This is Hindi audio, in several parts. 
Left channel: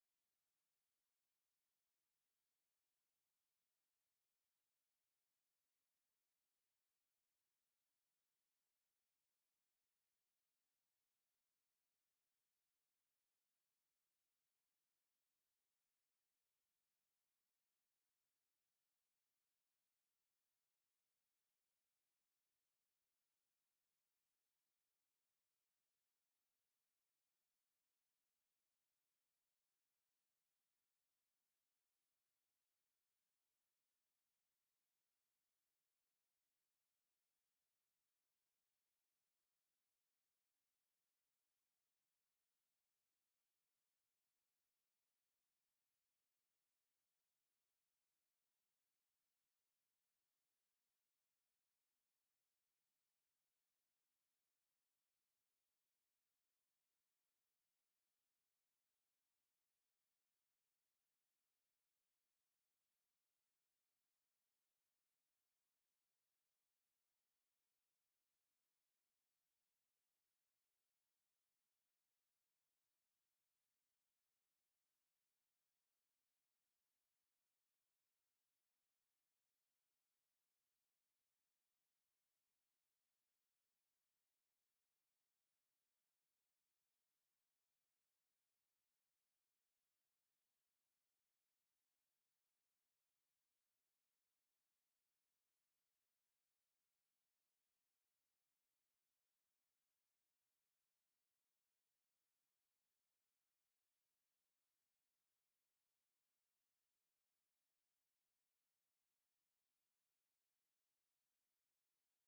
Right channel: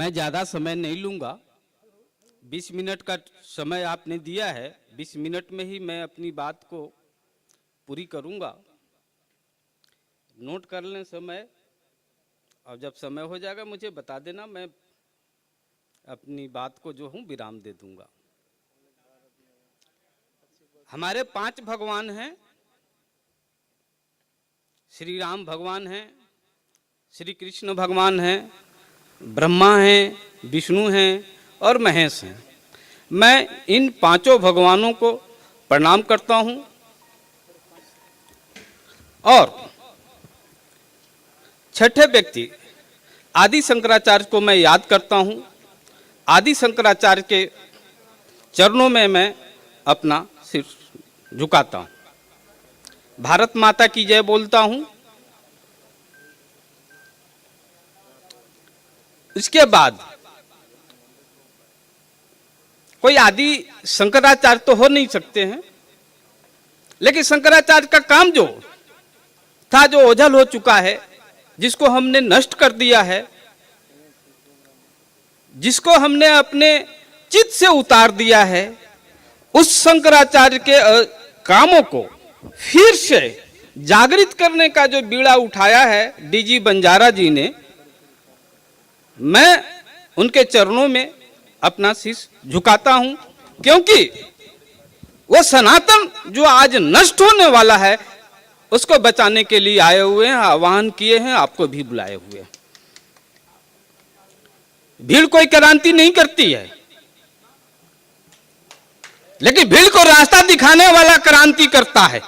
मैं ज़्यादा समय नहीं लूँगा। 20 मिनट का समय आपने दिया है, 20 मिनट में ही मैं अपनी बात को पूरी करूँगा। नोट कर लें समय, और जब समय हो जाएगा मुझे बता देना, मैं अपनी बात को जो हूँ विराम दे दूँगा। हमारे 5 भगवान हैं। श्री राम भगवान हैं, श्री कृष्ण भगवान हैं, ब्रह्मा हैं, विष्णु हैं और महेश हैं। मैं इन 5 भगवानों को प्रणाम करता हूं और छठे व्यक्ति आदि शंकराचार्य को मैं याद करता हूं। आदि शंकराचार्य के चरणों में मैं अपना सिर झुकाता हूं। भारत माता की जय बोलता हूं। इसके बाद कोई आदि शंकराचार्य तो हो नहीं सकते हैं, लेकिन शंकराचार्य का काम जो था, जो ओझल हो चुका है, जिसको हमने नष्ट कर दिया है, जिसको हमने अपने चित्त से उतार दिया है, उस शंकराचार्य के कामों को फिर से जागृत करने का जो बीड़ा उठाया है डीजी बंजारा जी ने, मैं उनके चरणों में अपना शीश झुकाता हूं, क्योंकि वो सनातन जो आज नष्ट होने वाला है उसको बचाने के लिए आए हुए हैं, आह्वान किए हैं, आपको भी बुलाए हुए हैं। भीड़ कोई क्रांति नहीं करती है, लेकिन भीड़ को रास्ता दिखाने वाला क्रांति करता है।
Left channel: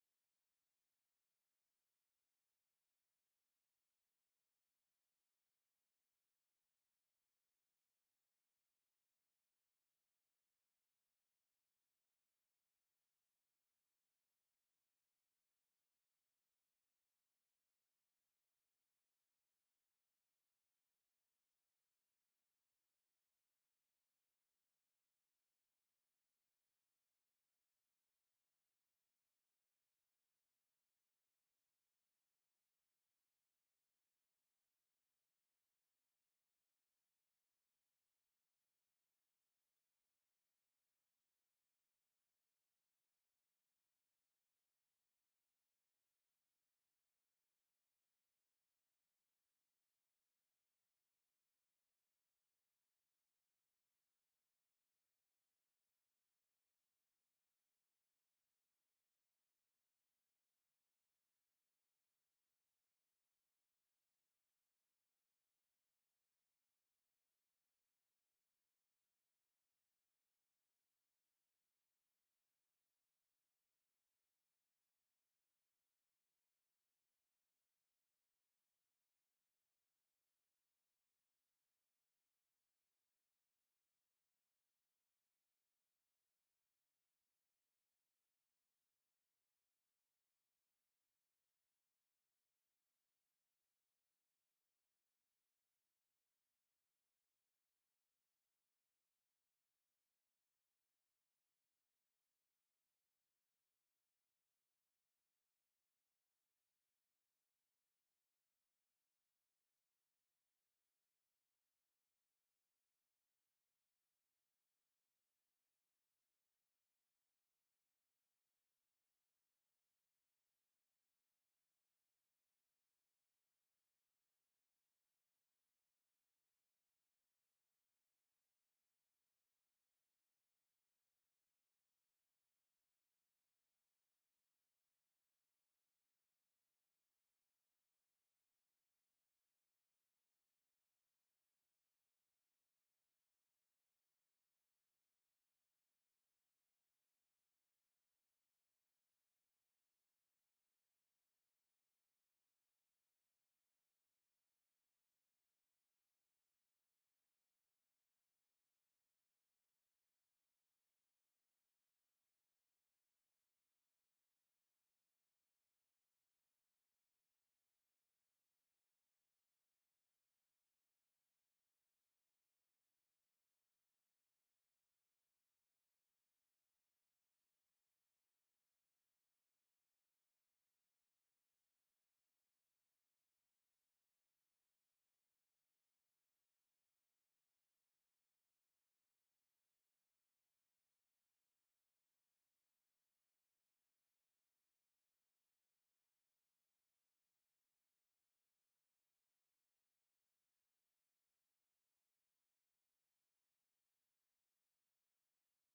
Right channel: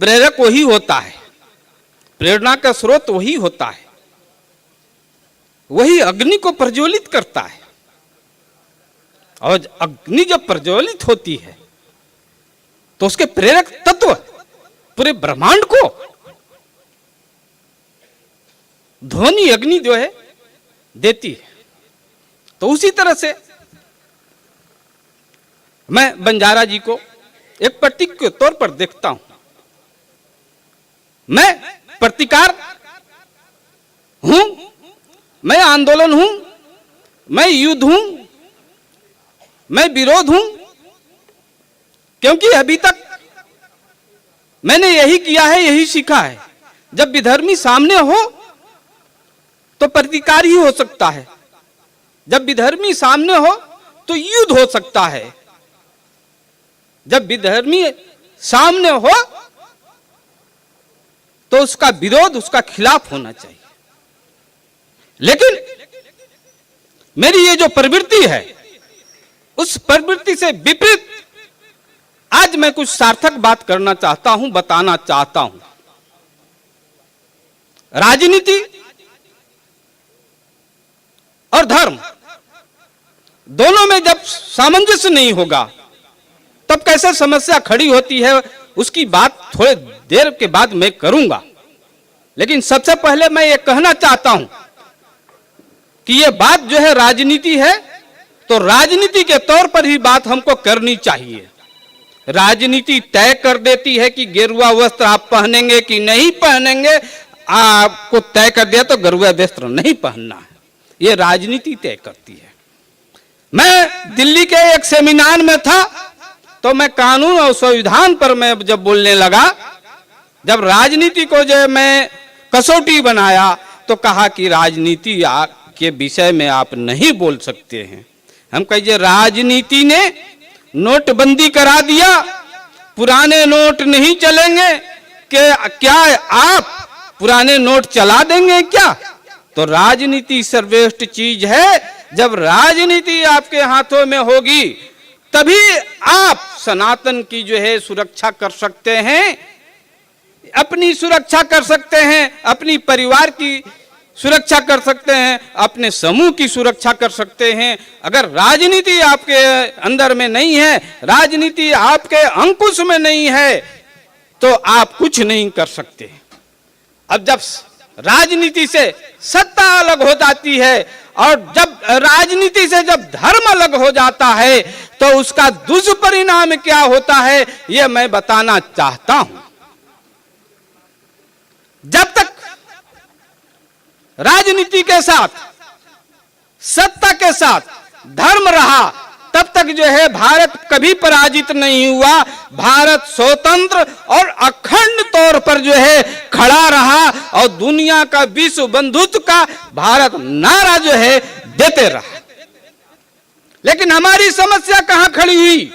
प्रेरक वही होता है, प्रेरणा का स्रोत वही होता है, वही अग्नि को प्रज्वलित करता है। और अग्नि जब प्रज्वलित होती है तो उसके प्रेरक तत्व पूरे ब्रह्मांड को ध्वनि अग्नि जो है देती है। तो उसी तरह से मैं बंजारा जी को एक प्रतीक के तौर पर देखता हूं। मैं प्रतिकार हूं, मैं आंदोलन हूं, मैं युद्ध हूं, मैं विरोध हूं, क्योंकि अभी तक मैंने यही किया है, यही सीखा है। जब विधर्मी सामने हो तो प्रतिकार ही हो सकता है, जब विधर्मी सामने हो तो युद्ध हो सकता है, जब विधर्मी सामने हो तो उसका विरोध, उसका खिलाफ होना चाहिए। लेकिन मेरी ये जो प्रवृत्ति है, उस प्रवृत्ति से विपरीत आज मैं कुछ सार्थक बात करना चाहता हूं, बताना चाहता हूं। राजनीति और धर्म दोनों में जब सामंजस्य नहीं होगा तब कैसे समस्या खड़ी होती है, उसकी बात थोड़े देर के बाद मैं करूंगा। लेकिन सबसे पहले मैं ये कहना चाहता हूं कि ये बात जो है राजनीति है, तो राजनीति के तौर पर ही बात हमको करनी चाहिए। राजनीति तय कर देती है कि गेरुआ वस्त्र आप पहनेंगे कि नहीं पहनेंगे। आपको तय कर दिया तो गेरुआ वस्त्र नहीं पहनना है, ये राजनीति तय करती है। मैं दिल्ली के एक सेमिनार में था, तो मैं कानून और संविधान पर मैं जब बोलने लगा, जब राजनीति को जो मैं कसौटी बनाया तो कहा कि राजनीति के विषय में आप नहीं बोल सकते हैं। हम कहिए राजनीति ने नोटबंदी करा दिया, पुराने नोट नहीं चलेंगे, क्या आप पुराने नोट चला देंगे क्या? तो राजनीति सर्वश्रेष्ठ चीज है। जब राजनीति आपके हाथों में होगी तभी आप सनातन की जो है सुरक्षा कर सकते हैं, अपनी सुरक्षा कर सकते हैं, अपनी परिवार की सुरक्षा कर सकते हैं, अपने समूह की सुरक्षा कर सकते हैं। अगर राजनीति आपके अंदर में नहीं है, राजनीति आपके अंकुश में नहीं है, तो आप कुछ नहीं कर सकते। अब जब राजनीति से सत्ता अलग हो जाती है और जब राजनीति से जब धर्म अलग हो जाता है तो उसका दुष्परिणाम क्या होता है, यह मैं बताना चाहता हूं। जब तक राजनीति के साथ सत्ता के साथ धर्म रहा, तब तक जो है भारत कभी पराजित नहीं हुआ। भारत स्वतंत्र और अखंड तौर पर जो है खड़ा रहा और दुनिया का विश्व बंधुत्व का भारत नारा जो है देते रहा। लेकिन हमारी समस्या कहां खड़ी हुई,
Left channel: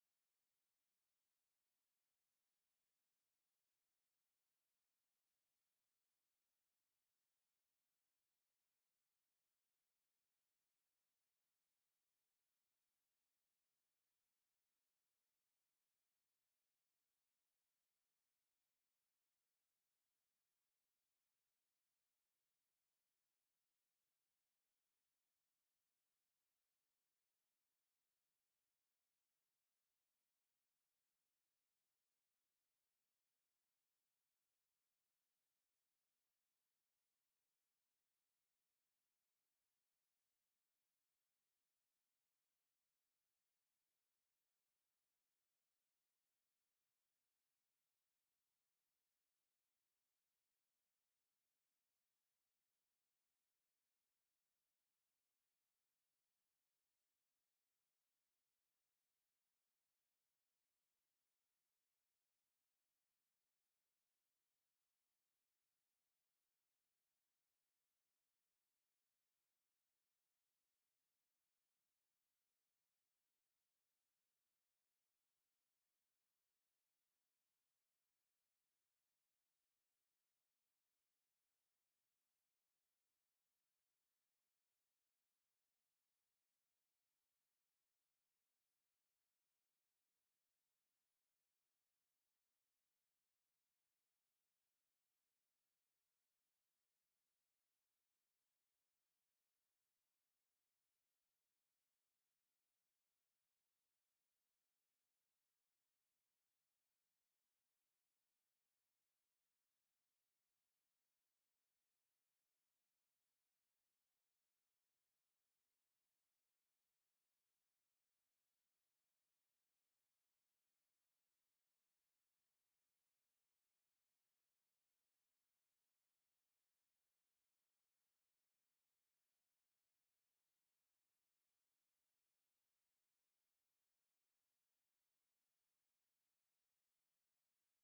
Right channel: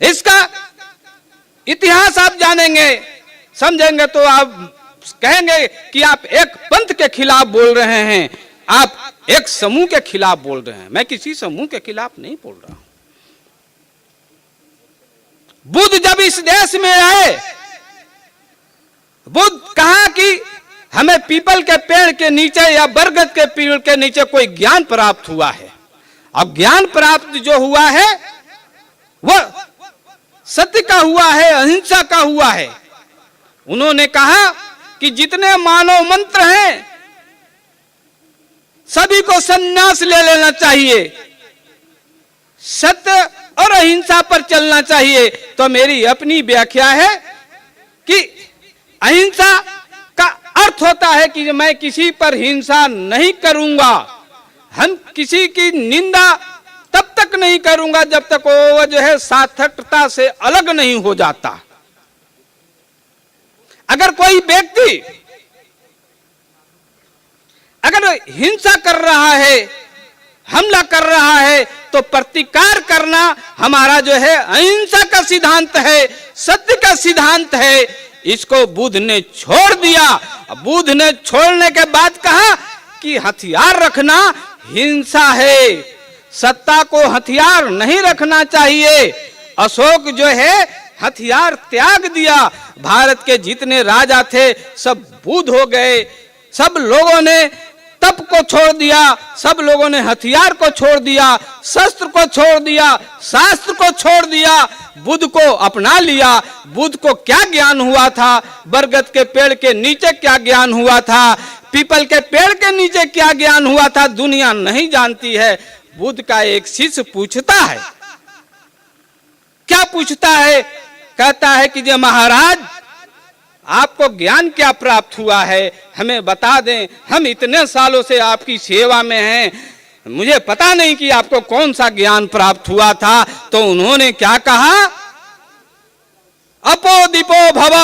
इसका इतिहास आप जानेंगे, समझेंगे तो आप कहेंगे कि आप एक पंथ के खिलाफ बोल रहे हैं, आप एक समूह के खिलाफ बोल रहे हैं। मैं किसी समूह के खिलाफ नहीं बोल रहा हूं। बुद्ध जब इस देश में आए, बुद्ध कहा कि हमें पीपल के पेड़ के नीचे या बरगद के पेड़ के नीचे कोई ज्ञान प्राप्त हुआ है। अब ज्ञान प्राप्त जो हुआ है वह सत्य का हुआ है, अहिंसा का हुआ है। उन्होंने कहा कि जितने मानव मंत्र हैं सभी को संन्यास ले लेना चाहिए, सत्य और अहिंसा पर चलना चाहिए। तो मेरी अपनी व्याख्या है कि अहिंसा का अर्थ होता है कि मैं किसी पर हिंसा नहीं करूंगा, हम किसी की निंदा तब तक नहीं करूंगा जब तक वो जो है सार्थकता से अलग नहीं हो जाता। अगर कोई व्यक्ति अगर हिंसा कर रहा है, हमला कर रहा है, तो प्रतिकार करना हमारा जो है अहिंसा का सिद्धांत है, सत्य का सिद्धांत है। इसको बुद्ध ने छोड़ दिया। बुद्ध ने छोड़ने के बाद कहा कि हथियार रखना हिंसा है, सत्ता को हथियार नहीं रखना चाहिए। अशोक जो है हथियार त्याग दिया। भारत के जितने राजा थे सब बुद्ध हो गए। सब लोगों ने तप को छोड़ दिया, सब लोगों ने हथियार को छोड़ दिया, शस्त्र को छोड़ दिया, शास्त्र को छोड़ दिया, बुद्ध को अपना लिया। बुद्ध को क्या ज्ञान हुआ था, बरगद के पेड़ के नीचे क्या ज्ञान हुआ था, पीपल के पेड़ के नीचे क्या ज्ञान हुआ था, दुनिया नहीं जानती है। बुद्ध का एक शिष्य पूछता है, क्या पूछता है? कहता है कि जय महाराज, आपको ज्ञान क्या प्राप्त हुआ है, हमें बता दें। हम इतने सालों से आपकी सेवा में हैं, मुझे पता नहीं कि आपको कौन सा ज्ञान प्राप्त हुआ था। तो उन्होंने क्या कहा? अपो दीपो भव,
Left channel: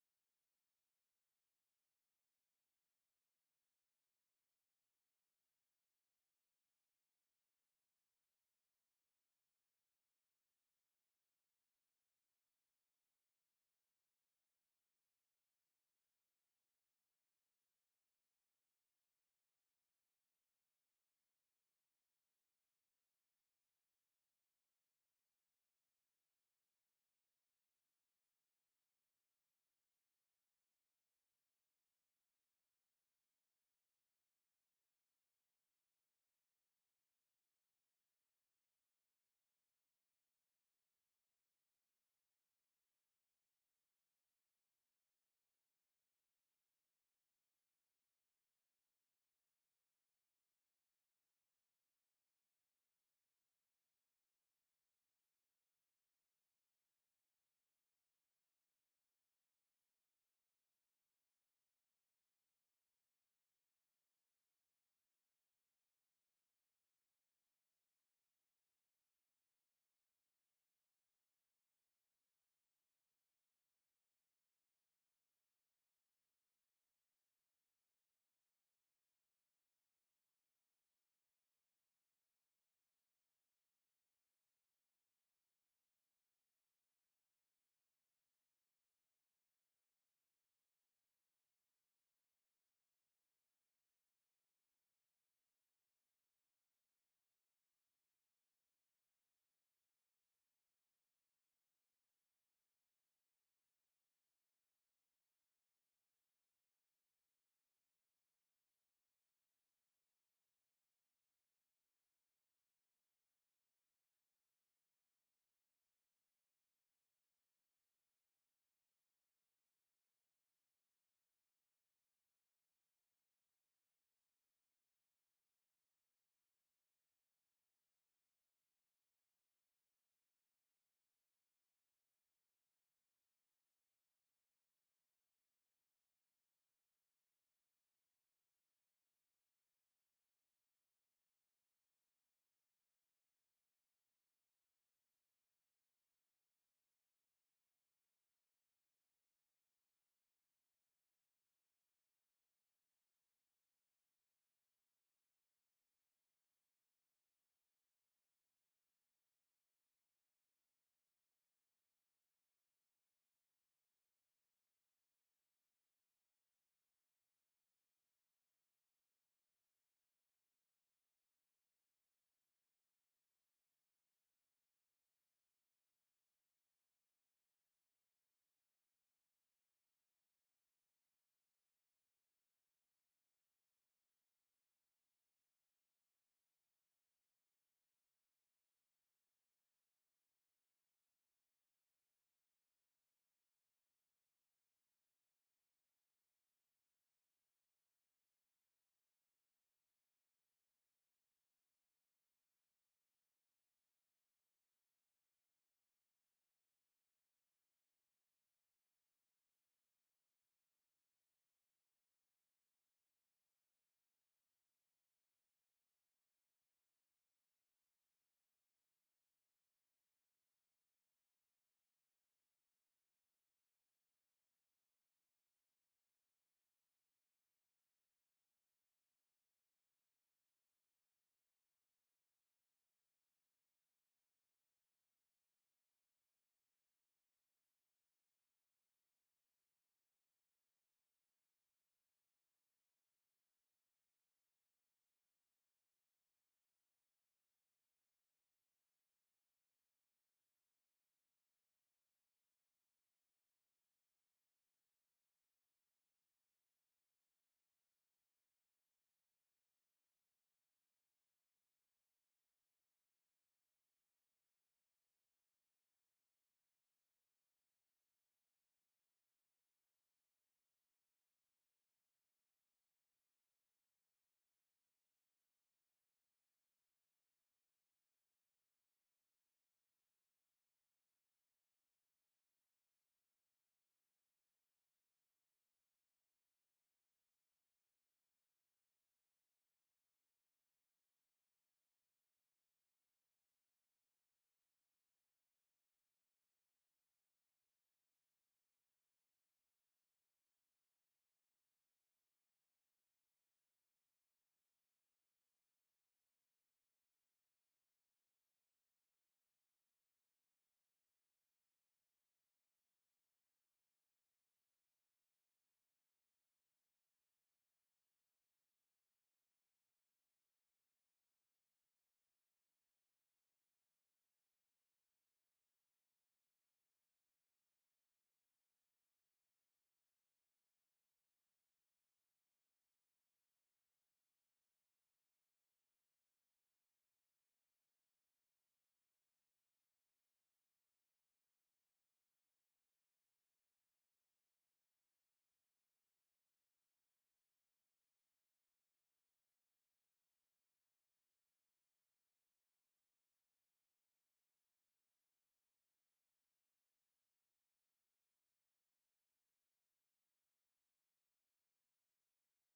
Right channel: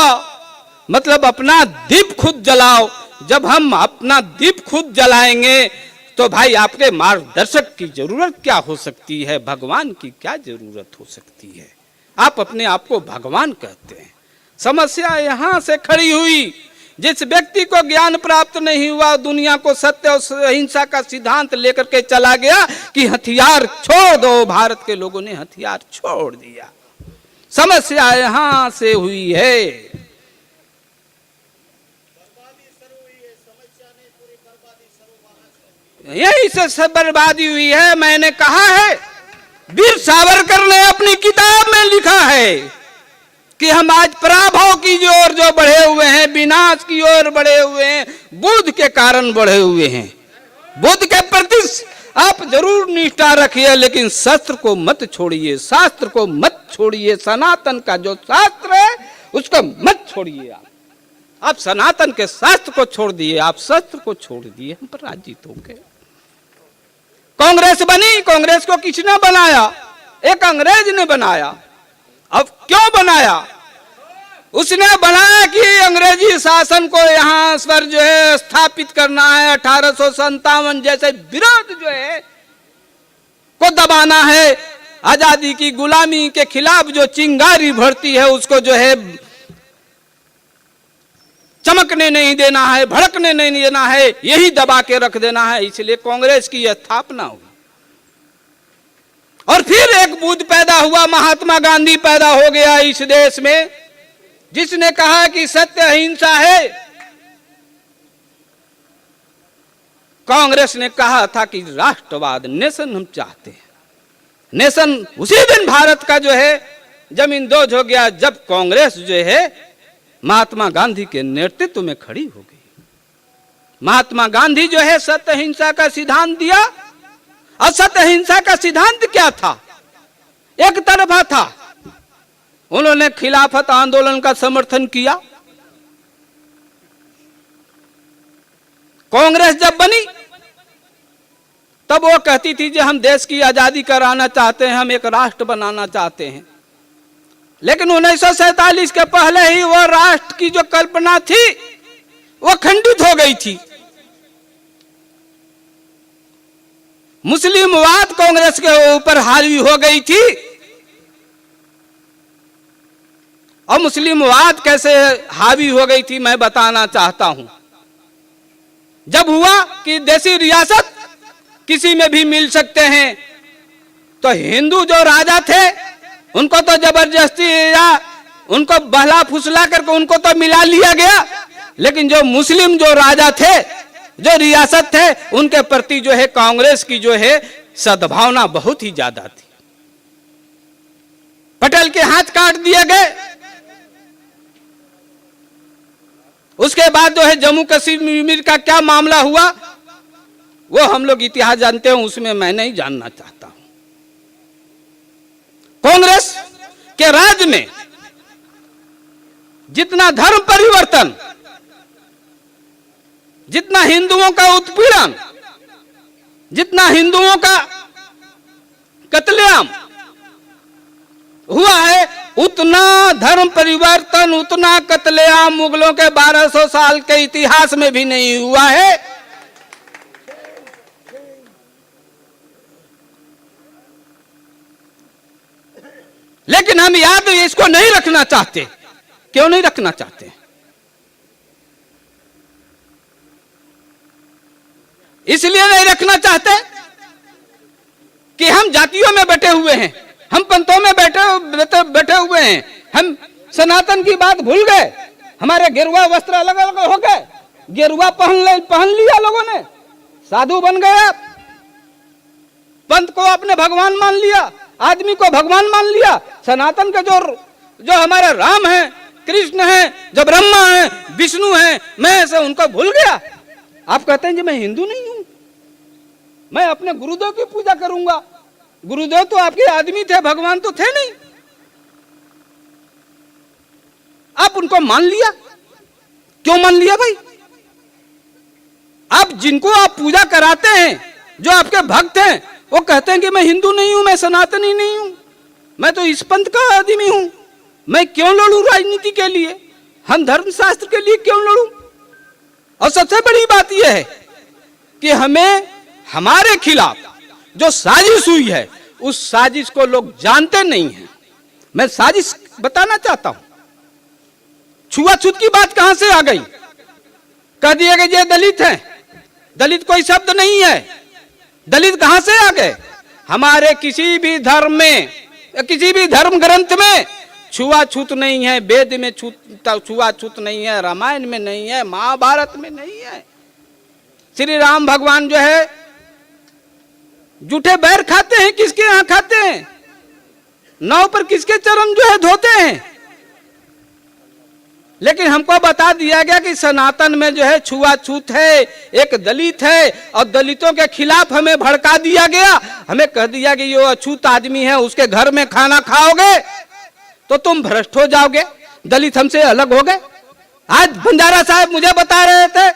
मतलब अपना दीप खुद जलाओ। जब हम अपना दीप खुद जलाएंगे तो भाई आपके मार्गदर्शक की जरूरत क्या हो सकती है, भगवान की क्या जरूरत हो सकती है? आप अपने आप को भगवान कहते हैं। समस्या यहां से खड़ी हुई। जिस व्यक्ति को ज्ञान प्राप्त नहीं हुआ, दुनिया को सत्य और अहिंसा का सिद्धांत लेकर के चला गया कि हथियार छोड़ दो। भारत के लोगों ने हथियार छोड़ दिया। समस्या यहां से हुई है। यही से बर्बादी हुई है। मैंने कहा है, वीर सावरकर ने अपनी किताब में लिखा है कि हम आज पराभव की ओर जो बढ़े हुए हैं, विनाश की ओर बढ़े हुए हैं, बुद्ध के कारण बढ़े हुए हैं। बुद्ध के प्रति आप जरूर निष्ठा रखिए, लेकिन शस्त्र को मत छोड़िए, शास्त्र को मत छोड़िए। सनातन का जो शास्त्र है उसको मत छोड़िए। आप सनातन के शास्त्र को छोड़ दिए, आप शस्त्र को छोड़ दिए, हम पराजित हो गए। कांग्रेस बनी, कांग्रेस को किसने बनाया? एक अंग्रेज ने बनाया। अब क्यों बनाया? उसने बनाया कि अंग्रेजी शासन को यहाँ पर जो है स्थापित करना है, 1857 जैसे विरोध जो है को दबाना है, आजादी की गुलामी के खिलाफ जो चिंगारी भरती है उसको जो है चमकने नहीं देना है, भड़कने नहीं देना है, यही दबा के रख देना है। इसलिए कांग्रेस की स्थापना हुई। और फिर एक बुद्ध पैदा हुआ, महात्मा गांधी पैदा हो गया इस देश में, जिसने कहा कि सत्य अहिंसा है। कांग्रेस ने कहा था कि राष्ट्रवाद, नेशन हम चाहते हैं। नेशन उसी दिन भारत का जो है जमीन दोज हो गया जब कांग्रेस जो है महात्मा गांधी के नेतृत्व में खड़ी हो गई। महात्मा गांधी जो है सत्य अहिंसा का सिद्धांत दिया। और सत्य अहिंसा का सिद्धांत क्या था? एक तरफा था। उन्होंने खिलाफत आंदोलन का समर्थन किया। कांग्रेस जब बनी तब वो कहती थी कि हम देश की आजादी कराना चाहते हैं, हम एक राष्ट्र बनाना चाहते हैं। लेकिन 1947 के पहले ही वो राष्ट्र की जो कल्पना थी वो खंडित हो गई थी। मुस्लिमवाद कांग्रेस के ऊपर हावी हो गई थी। और मुस्लिमवाद कैसे हावी हो गई थी मैं बताना चाहता हूं। जब हुआ कि देसी रियासत किसी में भी मिल सकते हैं, तो हिंदू जो राजा थे उनको तो जबरदस्ती या उनको बहला फुसला करके उनको तो मिला लिया गया, लेकिन जो मुस्लिम जो राजा थे, जो रियासत थे, उनके प्रति जो है कांग्रेस की जो है सद्भावना बहुत ही ज्यादा थी। पटेल के हाथ काट दिए गए। उसके बाद जो है जम्मू कश्मीर का क्या मामला हुआ वो हम लोग इतिहास जानते हैं, उसमें मैं नहीं जानना चाहता हूं। कांग्रेस के राज में जितना धर्म परिवर्तन, जितना हिंदुओं का उत्पीड़न, जितना हिंदुओं का कत्लेआम हुआ है, उतना धर्म परिवर्तन, उतना कत्लेआम मुगलों के 1200 साल के इतिहास में भी नहीं हुआ है। लेकिन हम याद इसको नहीं रखना चाहते। क्यों नहीं रखना चाहते? इसलिए नहीं रखना चाहते कि हम जातियों में बैठे हुए हैं, हम पंथों में बैठे हुए हैं, हम सनातन की बात भूल गए। हमारे गेरुआ वस्त्र अलग अलग हो गए, गेरुआ पहन लिया लोगों ने, साधु बन गए आप, पंथ को अपने भगवान मान लिया, आदमी को भगवान मान लिया। सनातन के जो हमारे राम है, कृष्ण है, जो ब्रह्मा है, विष्णु है, मैं से उनको भूल गया। आप कहते हैं कि मैं हिंदू नहीं हूं, मैं अपने गुरुदेव की पूजा करूंगा। गुरुदेव तो आपके आदमी थे, भगवान तो थे नहीं। आप उनको मान लिया। क्यों मान लिया भाई? आप जिनको आप पूजा कराते हैं, जो आपके भक्त हैं, वो कहते हैं कि मैं हिंदू नहीं हूं, मैं सनातनी नहीं हूं, मैं तो इस पंथ का आदमी हूं। मैं क्यों लड़ूं राजनीति के लिए? हम धर्मशास्त्र के लिए क्यों लड़ूं? और सबसे बड़ी बात यह है कि हमें हमारे खिलाफ जो साजिश हुई है, उस साजिश को लोग जानते नहीं हैं। मैं साजिश बताना चाहता हूं। छुआछूत की बात कहां से आ गई? कह दिया कि ये दलित हैं। दलित कोई शब्द नहीं है। दलित कहां से आ गए? हमारे किसी भी धर्म में, किसी भी धर्म ग्रंथ में छुआछूत नहीं है। वेद में छुआछूत नहीं है, रामायण में नहीं है, महाभारत में नहीं है। श्री राम भगवान जो है जूठे बैर खाते हैं, किसके यहां खाते हैं? नाव पर किसके चरण जो है धोते हैं? लेकिन हमको बता दिया गया कि सनातन में जो है छुआछूत है, एक दलित है, और दलितों के खिलाफ हमें भड़का दिया गया। हमें कह दिया कि ये अछूत आदमी है, उसके घर में खाना खाओगे तो तुम भ्रष्ट हो जाओगे, दलित हमसे अलग हो गए। आज बंजारा साहब मुझे बता रहे थे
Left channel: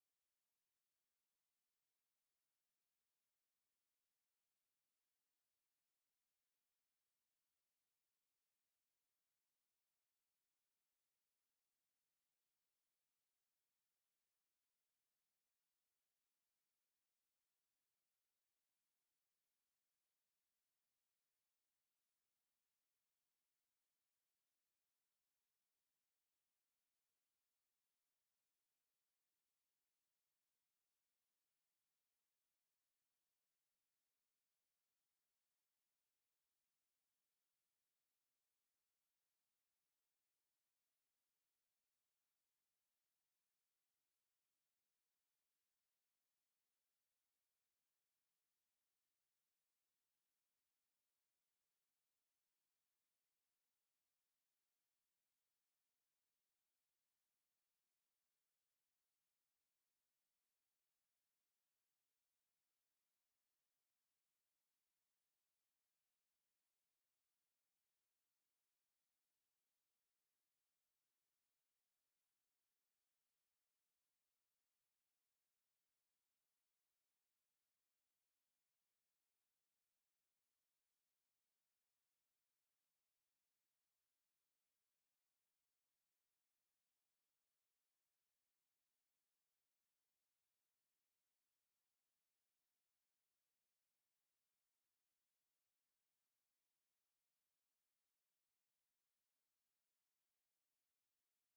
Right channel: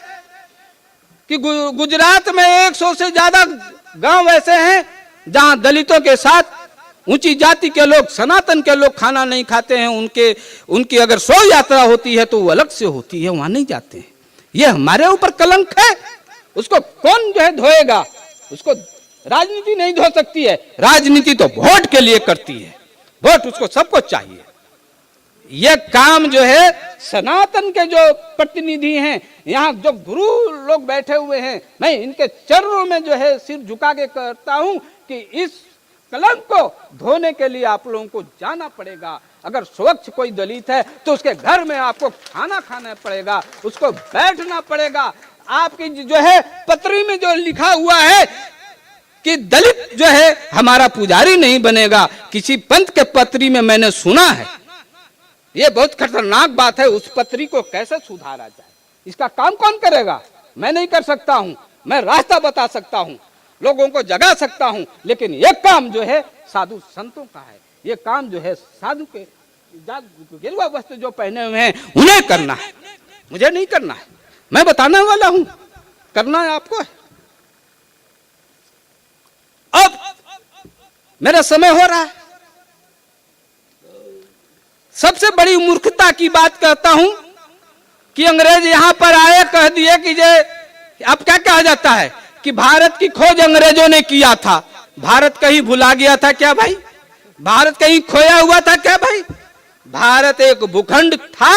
कि गुजरात में 100 से ज्यादा गांव ऐसे हैं जहां दलितों के साथ ऊंची जाति के लोग, सनातन के लोग खाना नहीं खाते हैं। उनकी अगर शव यात्रा होती है तो वो अलग से होती है, वहां नहीं जाते हैं। ये हमारे ऊपर कलंक है। उसको कौन जो है धोएगा? उसको राजनीति नहीं धो सकती है। राजनीति तो वोट के लिए करती है, वोट उसको सबको चाहिए। यह काम जो है सनातन के जो प्रतिनिधि हैं, यहाँ जो गुरु लोग बैठे हुए हैं, मैं इनके चरणों में जो है सिर झुका के कहता हूं कि इस कलंक को धोने के लिए आप लोगों को जाना पड़ेगा। अगर स्वच्छ कोई दलित है तो उसके घर में आपको खाना खाना पड़ेगा, उसको बैठना पड़ेगा। आपकी जो है पत्री में जो लिखा हुआ है कि दलित जो है हमारा पुजारी नहीं बनेगा, किसी पंथ के पत्री में मैंने सुना है। यह बहुत खतरनाक बात है। उस पत्री को कैसे सुधारा जाए, इसका काम कौन करेगा? मैं नहीं कर सकता हूं। मैं रास्ता बता सकता हूं, लोगों को जगा सकता हूं, लेकिन यह काम जो है साधु संतों का है। यह काम जो है साधु के गेरुआ वस्त्र जो पहने हुए हैं उन्हें करना है, मुझे नहीं करना है। मैं बताने वाला हूं करना है आपको। अब मेरा समय हो रहा है। सबसे बड़ी मूर्खता की बात कहता हूं कि अंग्रेज यहां पर आए, कह दिए कि जे अब क्या कहा जाता है कि भारत की खोज अंग्रेजों ने किया था। भारत कहीं भुला गया था क्या भाई? भारत कहीं खोया हुआ था क्या भाई? भारत एक भूखंड था,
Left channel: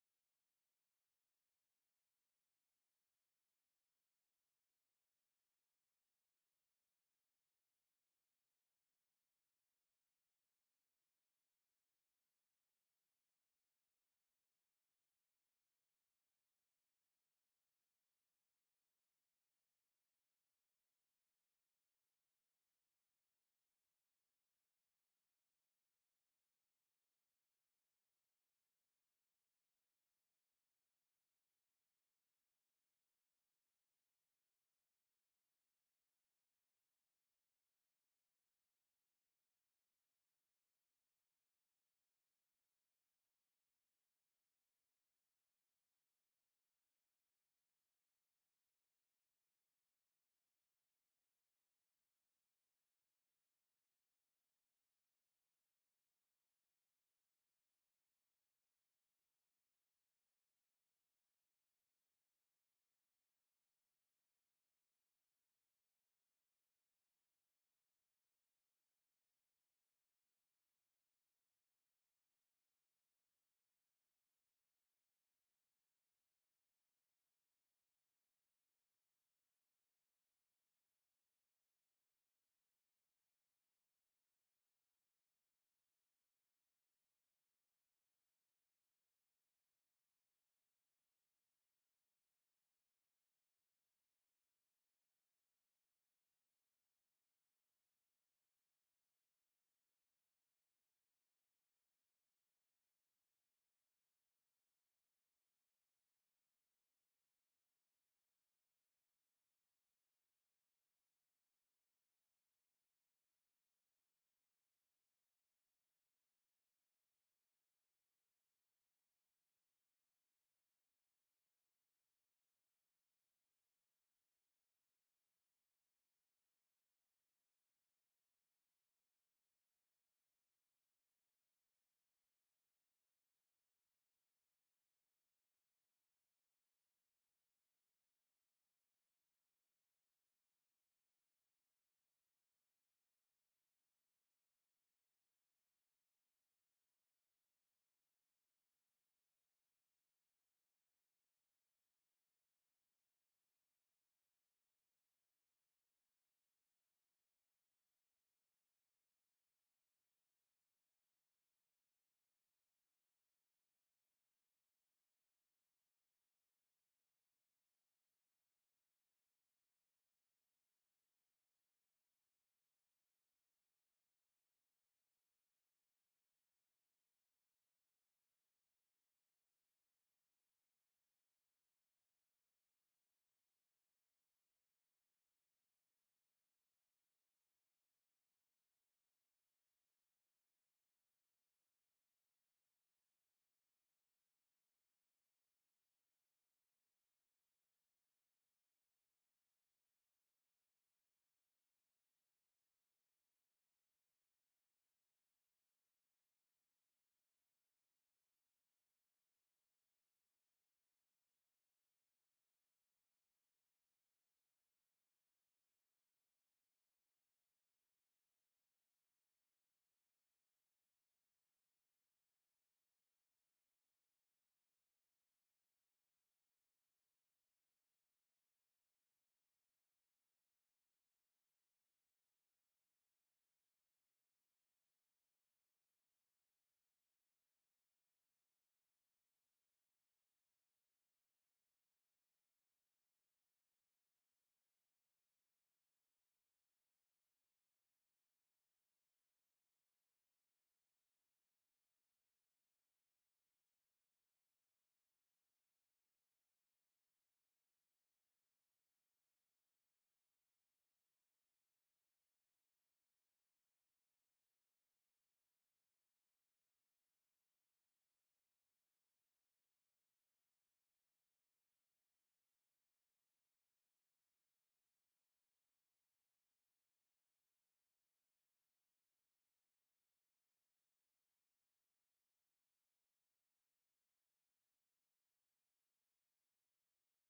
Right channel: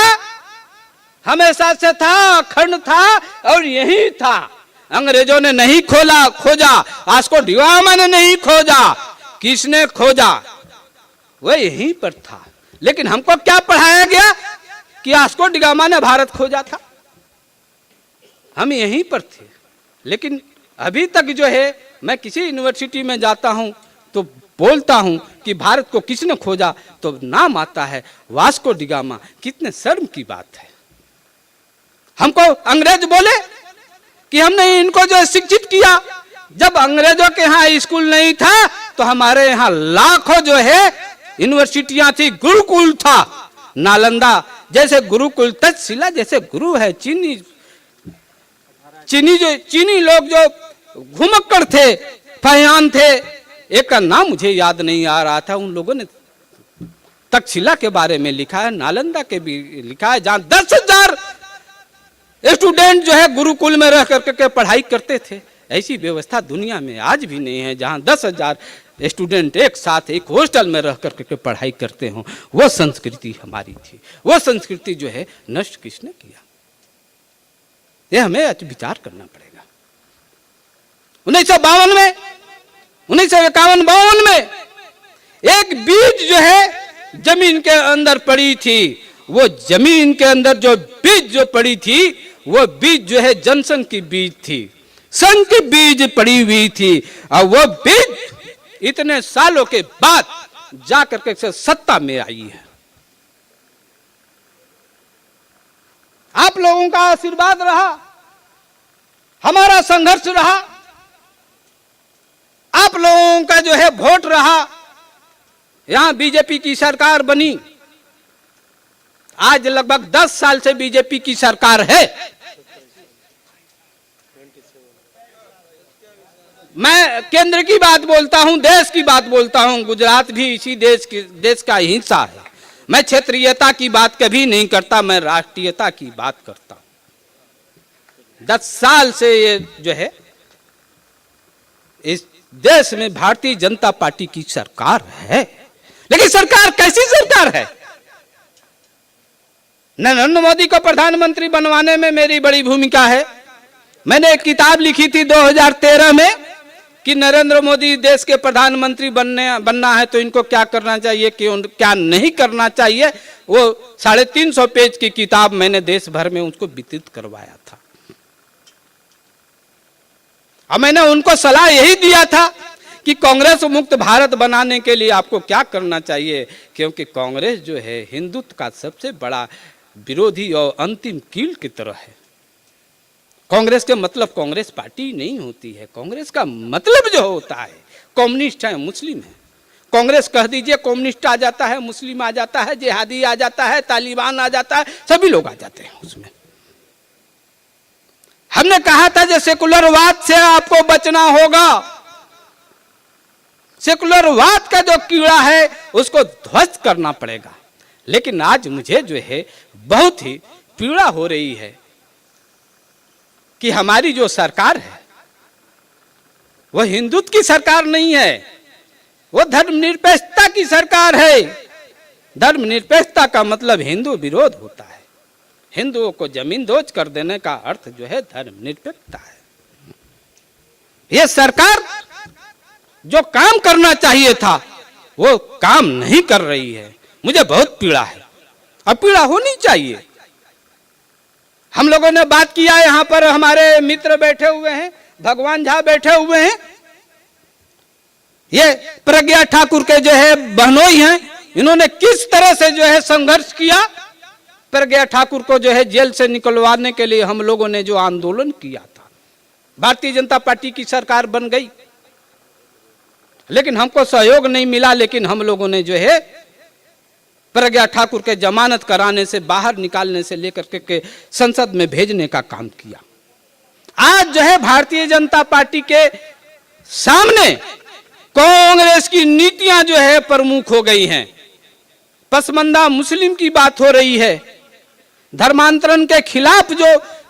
हमेशा से था, अखंड था और यही था। अंग्रेजों ने नहीं खोजा, वास्को डी गामा ने नहीं खोजा, किसने खोजा? वह यहीं पर था। लेकिन हमको क्या पढ़ाया गया कि वास्को डी गामा ने भारत खोजा था, हम यहीं पर थे। लेकिन अभी तक जो है मैं किसी यूनिवर्सिटी में जाता हूं तो बोलता हूं कि भारत को किसने खोजा, तो नाम आता है वास्को डी गामा। कितने शर्म की बात है। हमको अंग्रेज बोले कि हमने इनको जो शिक्षित किया। जब अंग्रेजों के यहाँ स्कूल नहीं था तो हमारे यहाँ लाखों जो है यूनिवर्सिटियां थी, गुरुकुल था। नालंदा जैसे गुरुकुल, तक्षशिला जैसे गुरु है। चीनी लोग जो घुमक्कड़ थे, फहियान थे, एक का नाम मुझे याद नहीं आ रहा था, उन लोगों ने तक्षशिला के बारे में लिखा है, नालंदा के भी लिखा है, जहां 10,000 स्टूडेंट जो है गुरुकुल में रह करके पढ़ाई करते थे। ऐसी व्यवस्था दुनिया में आज भी नहीं है जहां 10,000 स्टूडेंट एक साथ एक हॉस्टल में रह करके पढ़ाई करते हो। वो संस्कृति हमारी थी। वो संस्कृति जो है नष्ट किसने किया, ये हमें आज विचार करना पड़ेगा। 1952 में, 1951-52 में एक बीज जो है जमीन के अंदर पड़ी थी। वो जमीन के अंदर जो बीज जो पड़ी थी, वो बीज जो है जनसंघ की बीज थी, संघ की बीज पड़ी हुई थी। और वो बीज इतने सालों के बाद जाकर के सत्ता में आई है। आप लोगों का आशीर्वाद रहा, हमारा संघर्ष रहा, आप लोगों का जो है वोट रहा, यहां बीजेपी की सरकार बनी। आज लगभग 10 साल से बीजेपी की सरकार है। मैं केंद्र की बात बोलता हूं, देश की बात बोलता हूं। गुजरात भी इसी देश का हिस्सा है। मैं क्षेत्रीयता की बात कभी नहीं करता, मैं राष्ट्रीयता की बात करता हूं। 10 साल से ये जो है इस देश में भारतीय जनता पार्टी की सरकार है। लेकिन सरकार कैसी सरकार है? नरेंद्र मोदी को प्रधानमंत्री बनवाने में मेरी बड़ी भूमिका है। मैंने एक किताब लिखी थी 2013 में कि नरेंद्र मोदी देश के प्रधानमंत्री बनना है तो इनको क्या करना चाहिए, क्या नहीं करना चाहिए। वो 350 पेज की किताब मैंने देश भर में उसको वितरित करवाया था। और मैंने उनको सलाह यही दिया था कि कांग्रेस मुक्त भारत बनाने के लिए आपको क्या करना चाहिए, क्योंकि कांग्रेस जो है हिंदुत्व का सबसे बड़ा विरोधी और अंतिम कील की तरह है। कांग्रेस के मतलब कांग्रेस पार्टी नहीं होती है। कांग्रेस का मतलब जो होता है, कम्युनिस्ट है, मुस्लिम है। कांग्रेस कह दीजिए, कम्युनिस्ट आ जाता है, मुस्लिम आ जाता है, जिहादी आ जाता है, तालिबान आ जाता है, सभी लोग आ जाते हैं उसमें। हमने कहा था कि सेकुलरवाद से आपको बचना होगा। सेकुलरवाद का जो कीड़ा है उसको ध्वस्त करना पड़ेगा। लेकिन आज मुझे जो है बहुत ही पीड़ा हो रही है कि हमारी जो सरकार है वह हिंदुत्व की सरकार नहीं है, वो धर्मनिरपेक्षता की सरकार है। धर्मनिरपेक्षता का मतलब हिंदू विरोध होता है। हिंदुओं को जमीन दोज कर देने का अर्थ जो है धर्मनिरपेक्षता है। यह सरकार जो काम करना चाहिए था वो काम नहीं कर रही है। मुझे बहुत पीड़ा है और पीड़ा होनी चाहिए। हम लोगों ने बात किया, यहां पर हमारे मित्र बैठे हुए हैं, भगवान झा बैठे हुए हैं, ये प्रज्ञा ठाकुर के जो है बहनोई हैं। इन्होंने किस तरह से जो है संघर्ष किया। प्रज्ञा ठाकुर को जो है जेल से निकलवाने के लिए हम लोगों ने जो आंदोलन किया था, भारतीय जनता पार्टी की सरकार बन गई, लेकिन हमको सहयोग नहीं मिला। लेकिन हम लोगों ने जो है प्रज्ञा ठाकुर के जमानत कराने से, बाहर निकालने से लेकर के संसद में भेजने का काम किया। आज जो है भारतीय जनता पार्टी के सामने कांग्रेस की नीतियां जो है प्रमुख हो गई हैं। पसमंदा मुस्लिम की बात हो रही है। धर्मांतरण के खिलाफ जो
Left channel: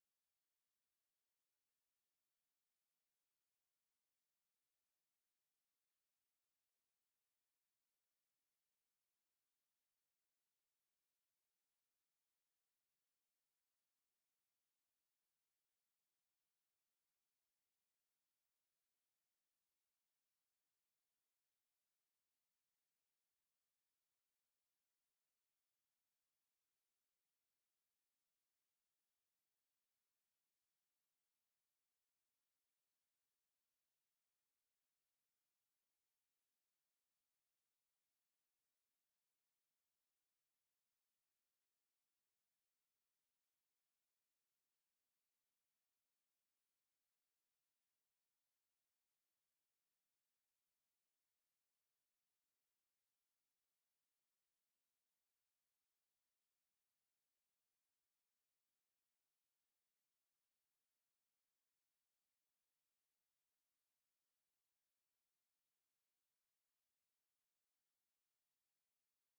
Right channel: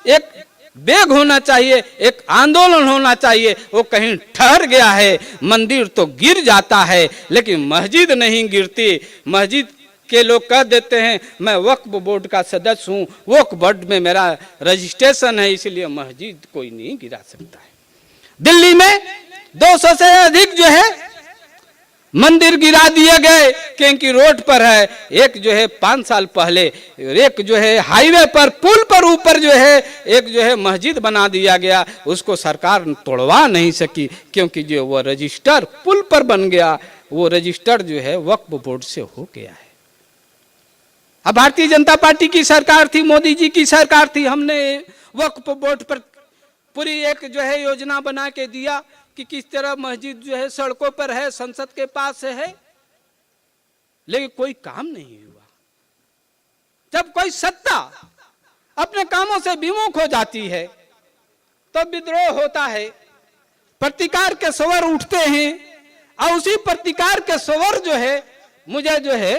एक वेग होना चाहिए, एक आंदोलन होना चाहिए, वो कहीं ठहर गया है। मंदिर तो गिर जाता है लेकिन मस्जिद नहीं गिरती। मस्जिद के लोग कह देते हैं मैं वक्फ बोर्ड का सदस्य हूं, वक्फ बोर्ड में मेरा रजिस्ट्रेशन है, इसलिए मस्जिद कोई नहीं गिरा सकता है। दिल्ली में 200 से अधिक जो है मंदिर गिरा दिए गए क्योंकि रोड पर है। एक जो है 5 साल पहले एक जो है हाईवे पर पुल पर ऊपर जो है एक जो है मस्जिद बना दिया गया, उसको सरकार तोड़वा नहीं सकी क्योंकि जो वो रजिस्टर पुल पर बन गया, वो रजिस्टर जो है वक्फ बोर्ड से हो गया है। अब भारतीय जनता पार्टी की सरकार थी, मोदी जी की सरकार थी, हमने वक्फ बोर्ड पर पूरी एक जो है योजना बना के दिया कि किस तरह मस्जिद जो है सड़कों पर है, संसद के पास है, लेकिन कोई काम नहीं हुआ। जब कोई सत्ता अपने कामों से विमुख हो जाती है तो विद्रोह होता है, प्रतिकार के स्वर उठते हैं और उसी प्रतिकार के स्वर जो है मुझे जो है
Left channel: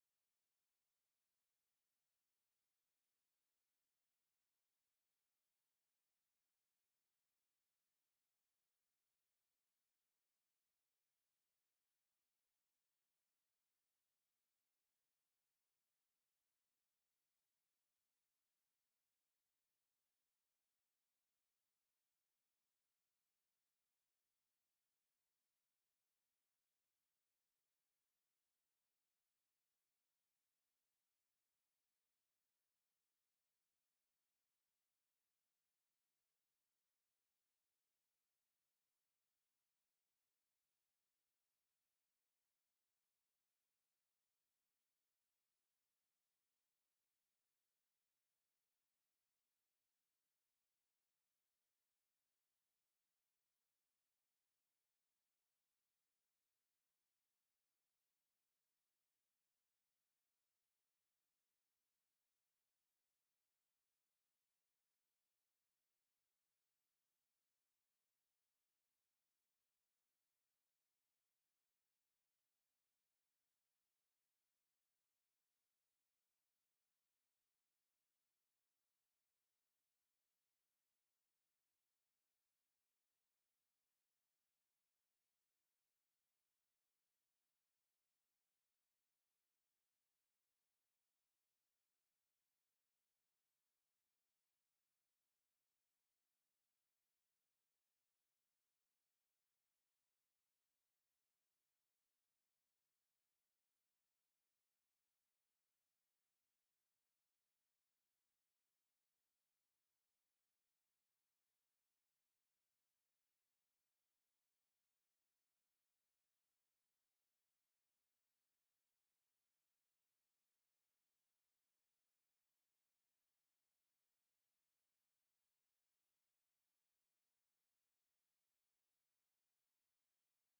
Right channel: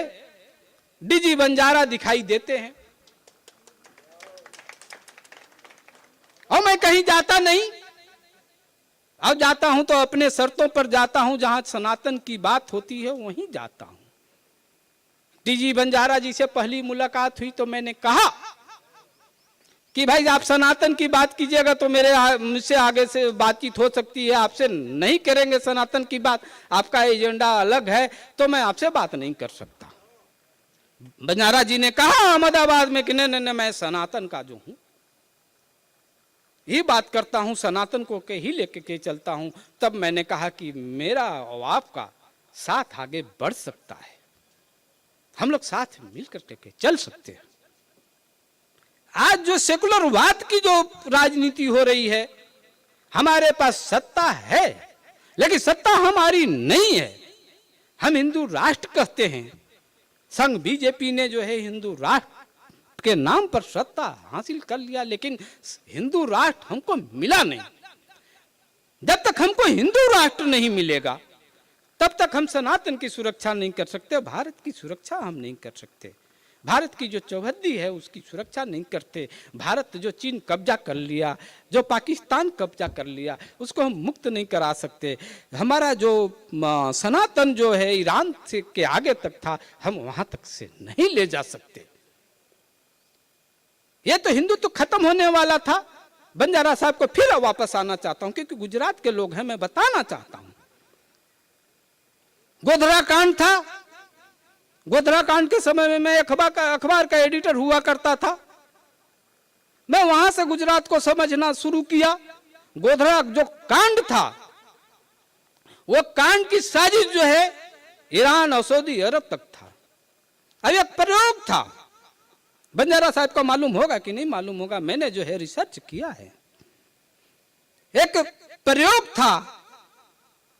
डीजी बंजारा दिखाई देते हैं। और मैं कहीं जाता नहीं, अब जाता हूं तो अपने शर्तों पर जाता हूं, जहां सनातन की बात होती है वहीं जाता हूं। डीजी बंजारा जी से पहली मुलाकात हुई तो मैंने कहा कि भाई आप सनातन की बात कीजिएगा तो मुझसे आगे से बातचीत हो सकती है, आपसे नहीं करेंगे सनातन की बात, आपका एजेंडा अलग है तो मैं आपसे बात नहीं कर सकता। बंजारा जी ने कहा अहमदाबाद में कि नहीं मैं सनातन का जो हूं ये बात करता हूं, सनातन को के ही लेके के चलता हूं। तब मैंने कहा कि मेरा और आपका साथ आगे बढ़ सकता है, हम लोग साथ मिलकर के चल सकते हैं। आज जो सेकुलरवाद की जो राजनीति हो रही है, हमारे पास सत्ता है लेकिन सत्ता हमारी नहीं है। हम हिंदू राष्ट्र कहते हैं, संघ बीजेपी ने जो है हिंदू राष्ट्र के नाम पर सत्ता हासिल कर लिया, लेकिन हिंदू राष्ट्र हमको मिला नहीं। जब तक हमको हिंदू राष्ट्र नहीं मिलेगा तब तक हम सनातन की सुरक्षा नहीं कर सकते, भारत की सुरक्षा हम नहीं कर सकते। भारत की जो चौहद्दी है उसकी सुरक्षा नहीं करते। भारत जो चीन कब्जा कर लिया, जो पाकिस्तान कब्जा कर लिया, उसको हम मुक्त नहीं करा सकते। हमारा जो सनातन जो है ईरान से के आगे तक था, हम वहां तक से नहीं ले जा सकते। ये तो हिंदुत्व तो खत्म होने वाला था। बंजारा साहब को फिर वापस आना चाहता हूं क्योंकि गुजरात के लोग हैं, मैं बताना चाहता हूं। गोधरा कांड था, गोधरा कांड के समय में मैं अखबार का एडिटर हुआ करता था। मैं वहां से गुजरात को समझना शुरू किया। गोधरा जो कांड था वो कांड की साजिश जो है ईरान और सऊदी अरब तक था। अब एक प्रयोग था, बंजारा साहब को मालूम होगा कि नहीं मालूम होगा, मैंने जो है रिसर्च किया है। एक प्रयोग था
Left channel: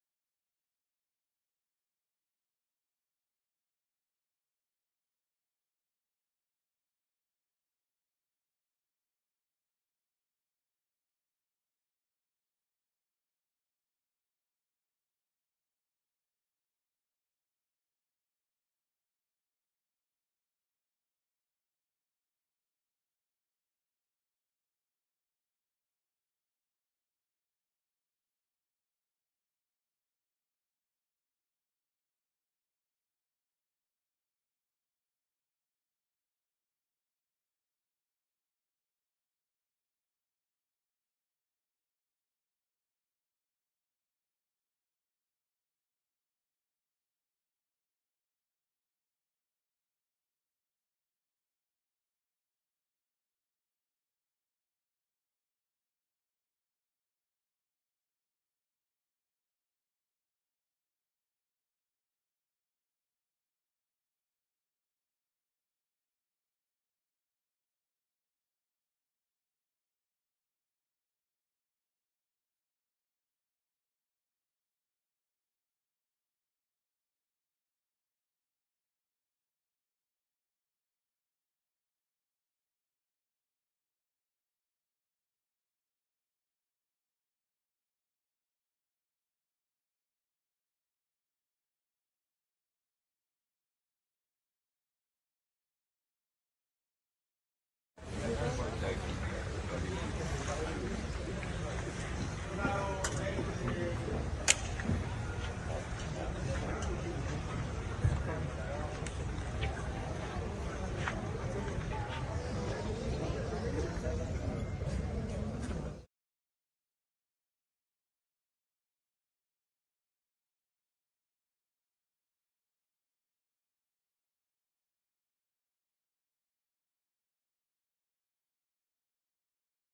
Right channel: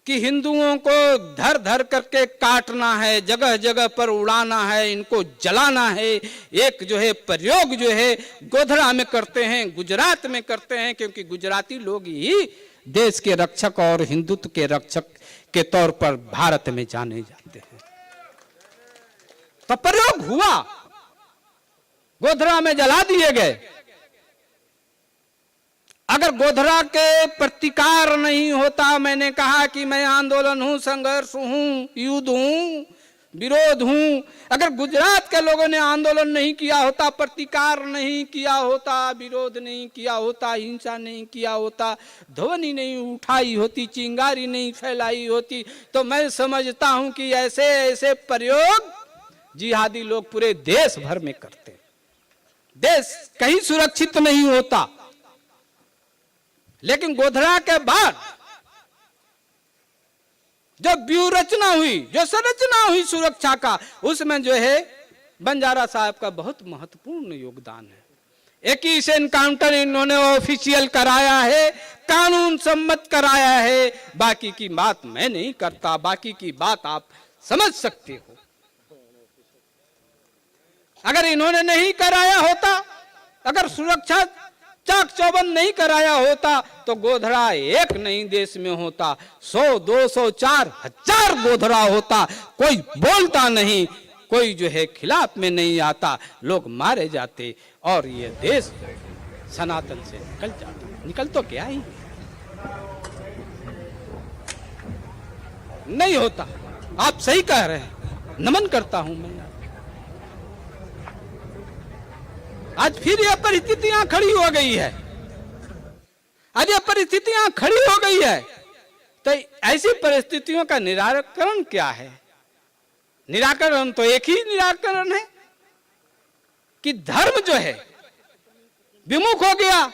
कि हिंदुओं को धर धर करके काटना है, जगह जगह पर उड़ाना है, इनको जलाना है। एक जो है प्रयोग जो है गोधरा में करते हैं, गुजरात में करते हैं, क्योंकि गुजराती लोग ही देश के रक्षक और हिंदुत्व के रक्षक के तौर पर भारत में जाने जाते हैं। तो प्रयोग हुआ, गोधरा में जला दिए गए। अगर गोधरा के प्रतिकार नहीं होता, मैंने कहा कि मैं आंदोलन हूं, संघर्ष हूं, युद्ध हूं, विरोध हूं, अगर गुजरात के लोगों ने आंदोलन नहीं किया होता, प्रतिकार नहीं किया होता, विरोध नहीं किया होता, हिंसा नहीं किया होता, ध्वनि नहीं उठाई होती, चिंगारी नहीं फैलाई होती, तो मैं समझता हूं कि ऐसे ऐसे प्रयोग जिहादी लोग पूरे देश भर में करते, देश कहीं सुरक्षित नहीं होता। लेकिन गोधरा के बाद जो व्यूह रचना हुई, जो संरचना हुई सुरक्षा का, उसमें जो है बंजारा साहब का बहुत महत्वपूर्ण योगदान है। 21 एनकाउंटर इन्होंने ऑफिशियल कराया है, कानून सम्मत कराया है। बाकी की बात मैं नहीं करता, बाकी की बात आप समझ सकते हो। अगर इन्होंने नहीं कराया होता, अगर सुरक्षा चाक चौबंद नहीं कराया होता तो गोधरा एक नहीं देश में होता, 100, 200, 4,000 गोधरा होता। कोई बोलता नहीं, कोई जो है खिलाफ में नहीं आता, लोग मारे जाते और ये देश सनातन से निकल तो क्या ही नहीं होता। आप सही कह रहे हैं, नमन करता हूं मैं। आज फिर यह परिस्थितियां खड़ी हो गई है, आज यह परिस्थितियां खड़ी हो गई है, तो ऐसी परिस्थितियों का निराकरण क्या है? निराकरण तो एक ही निराकरण है कि धर्म जो है विमुख हो गया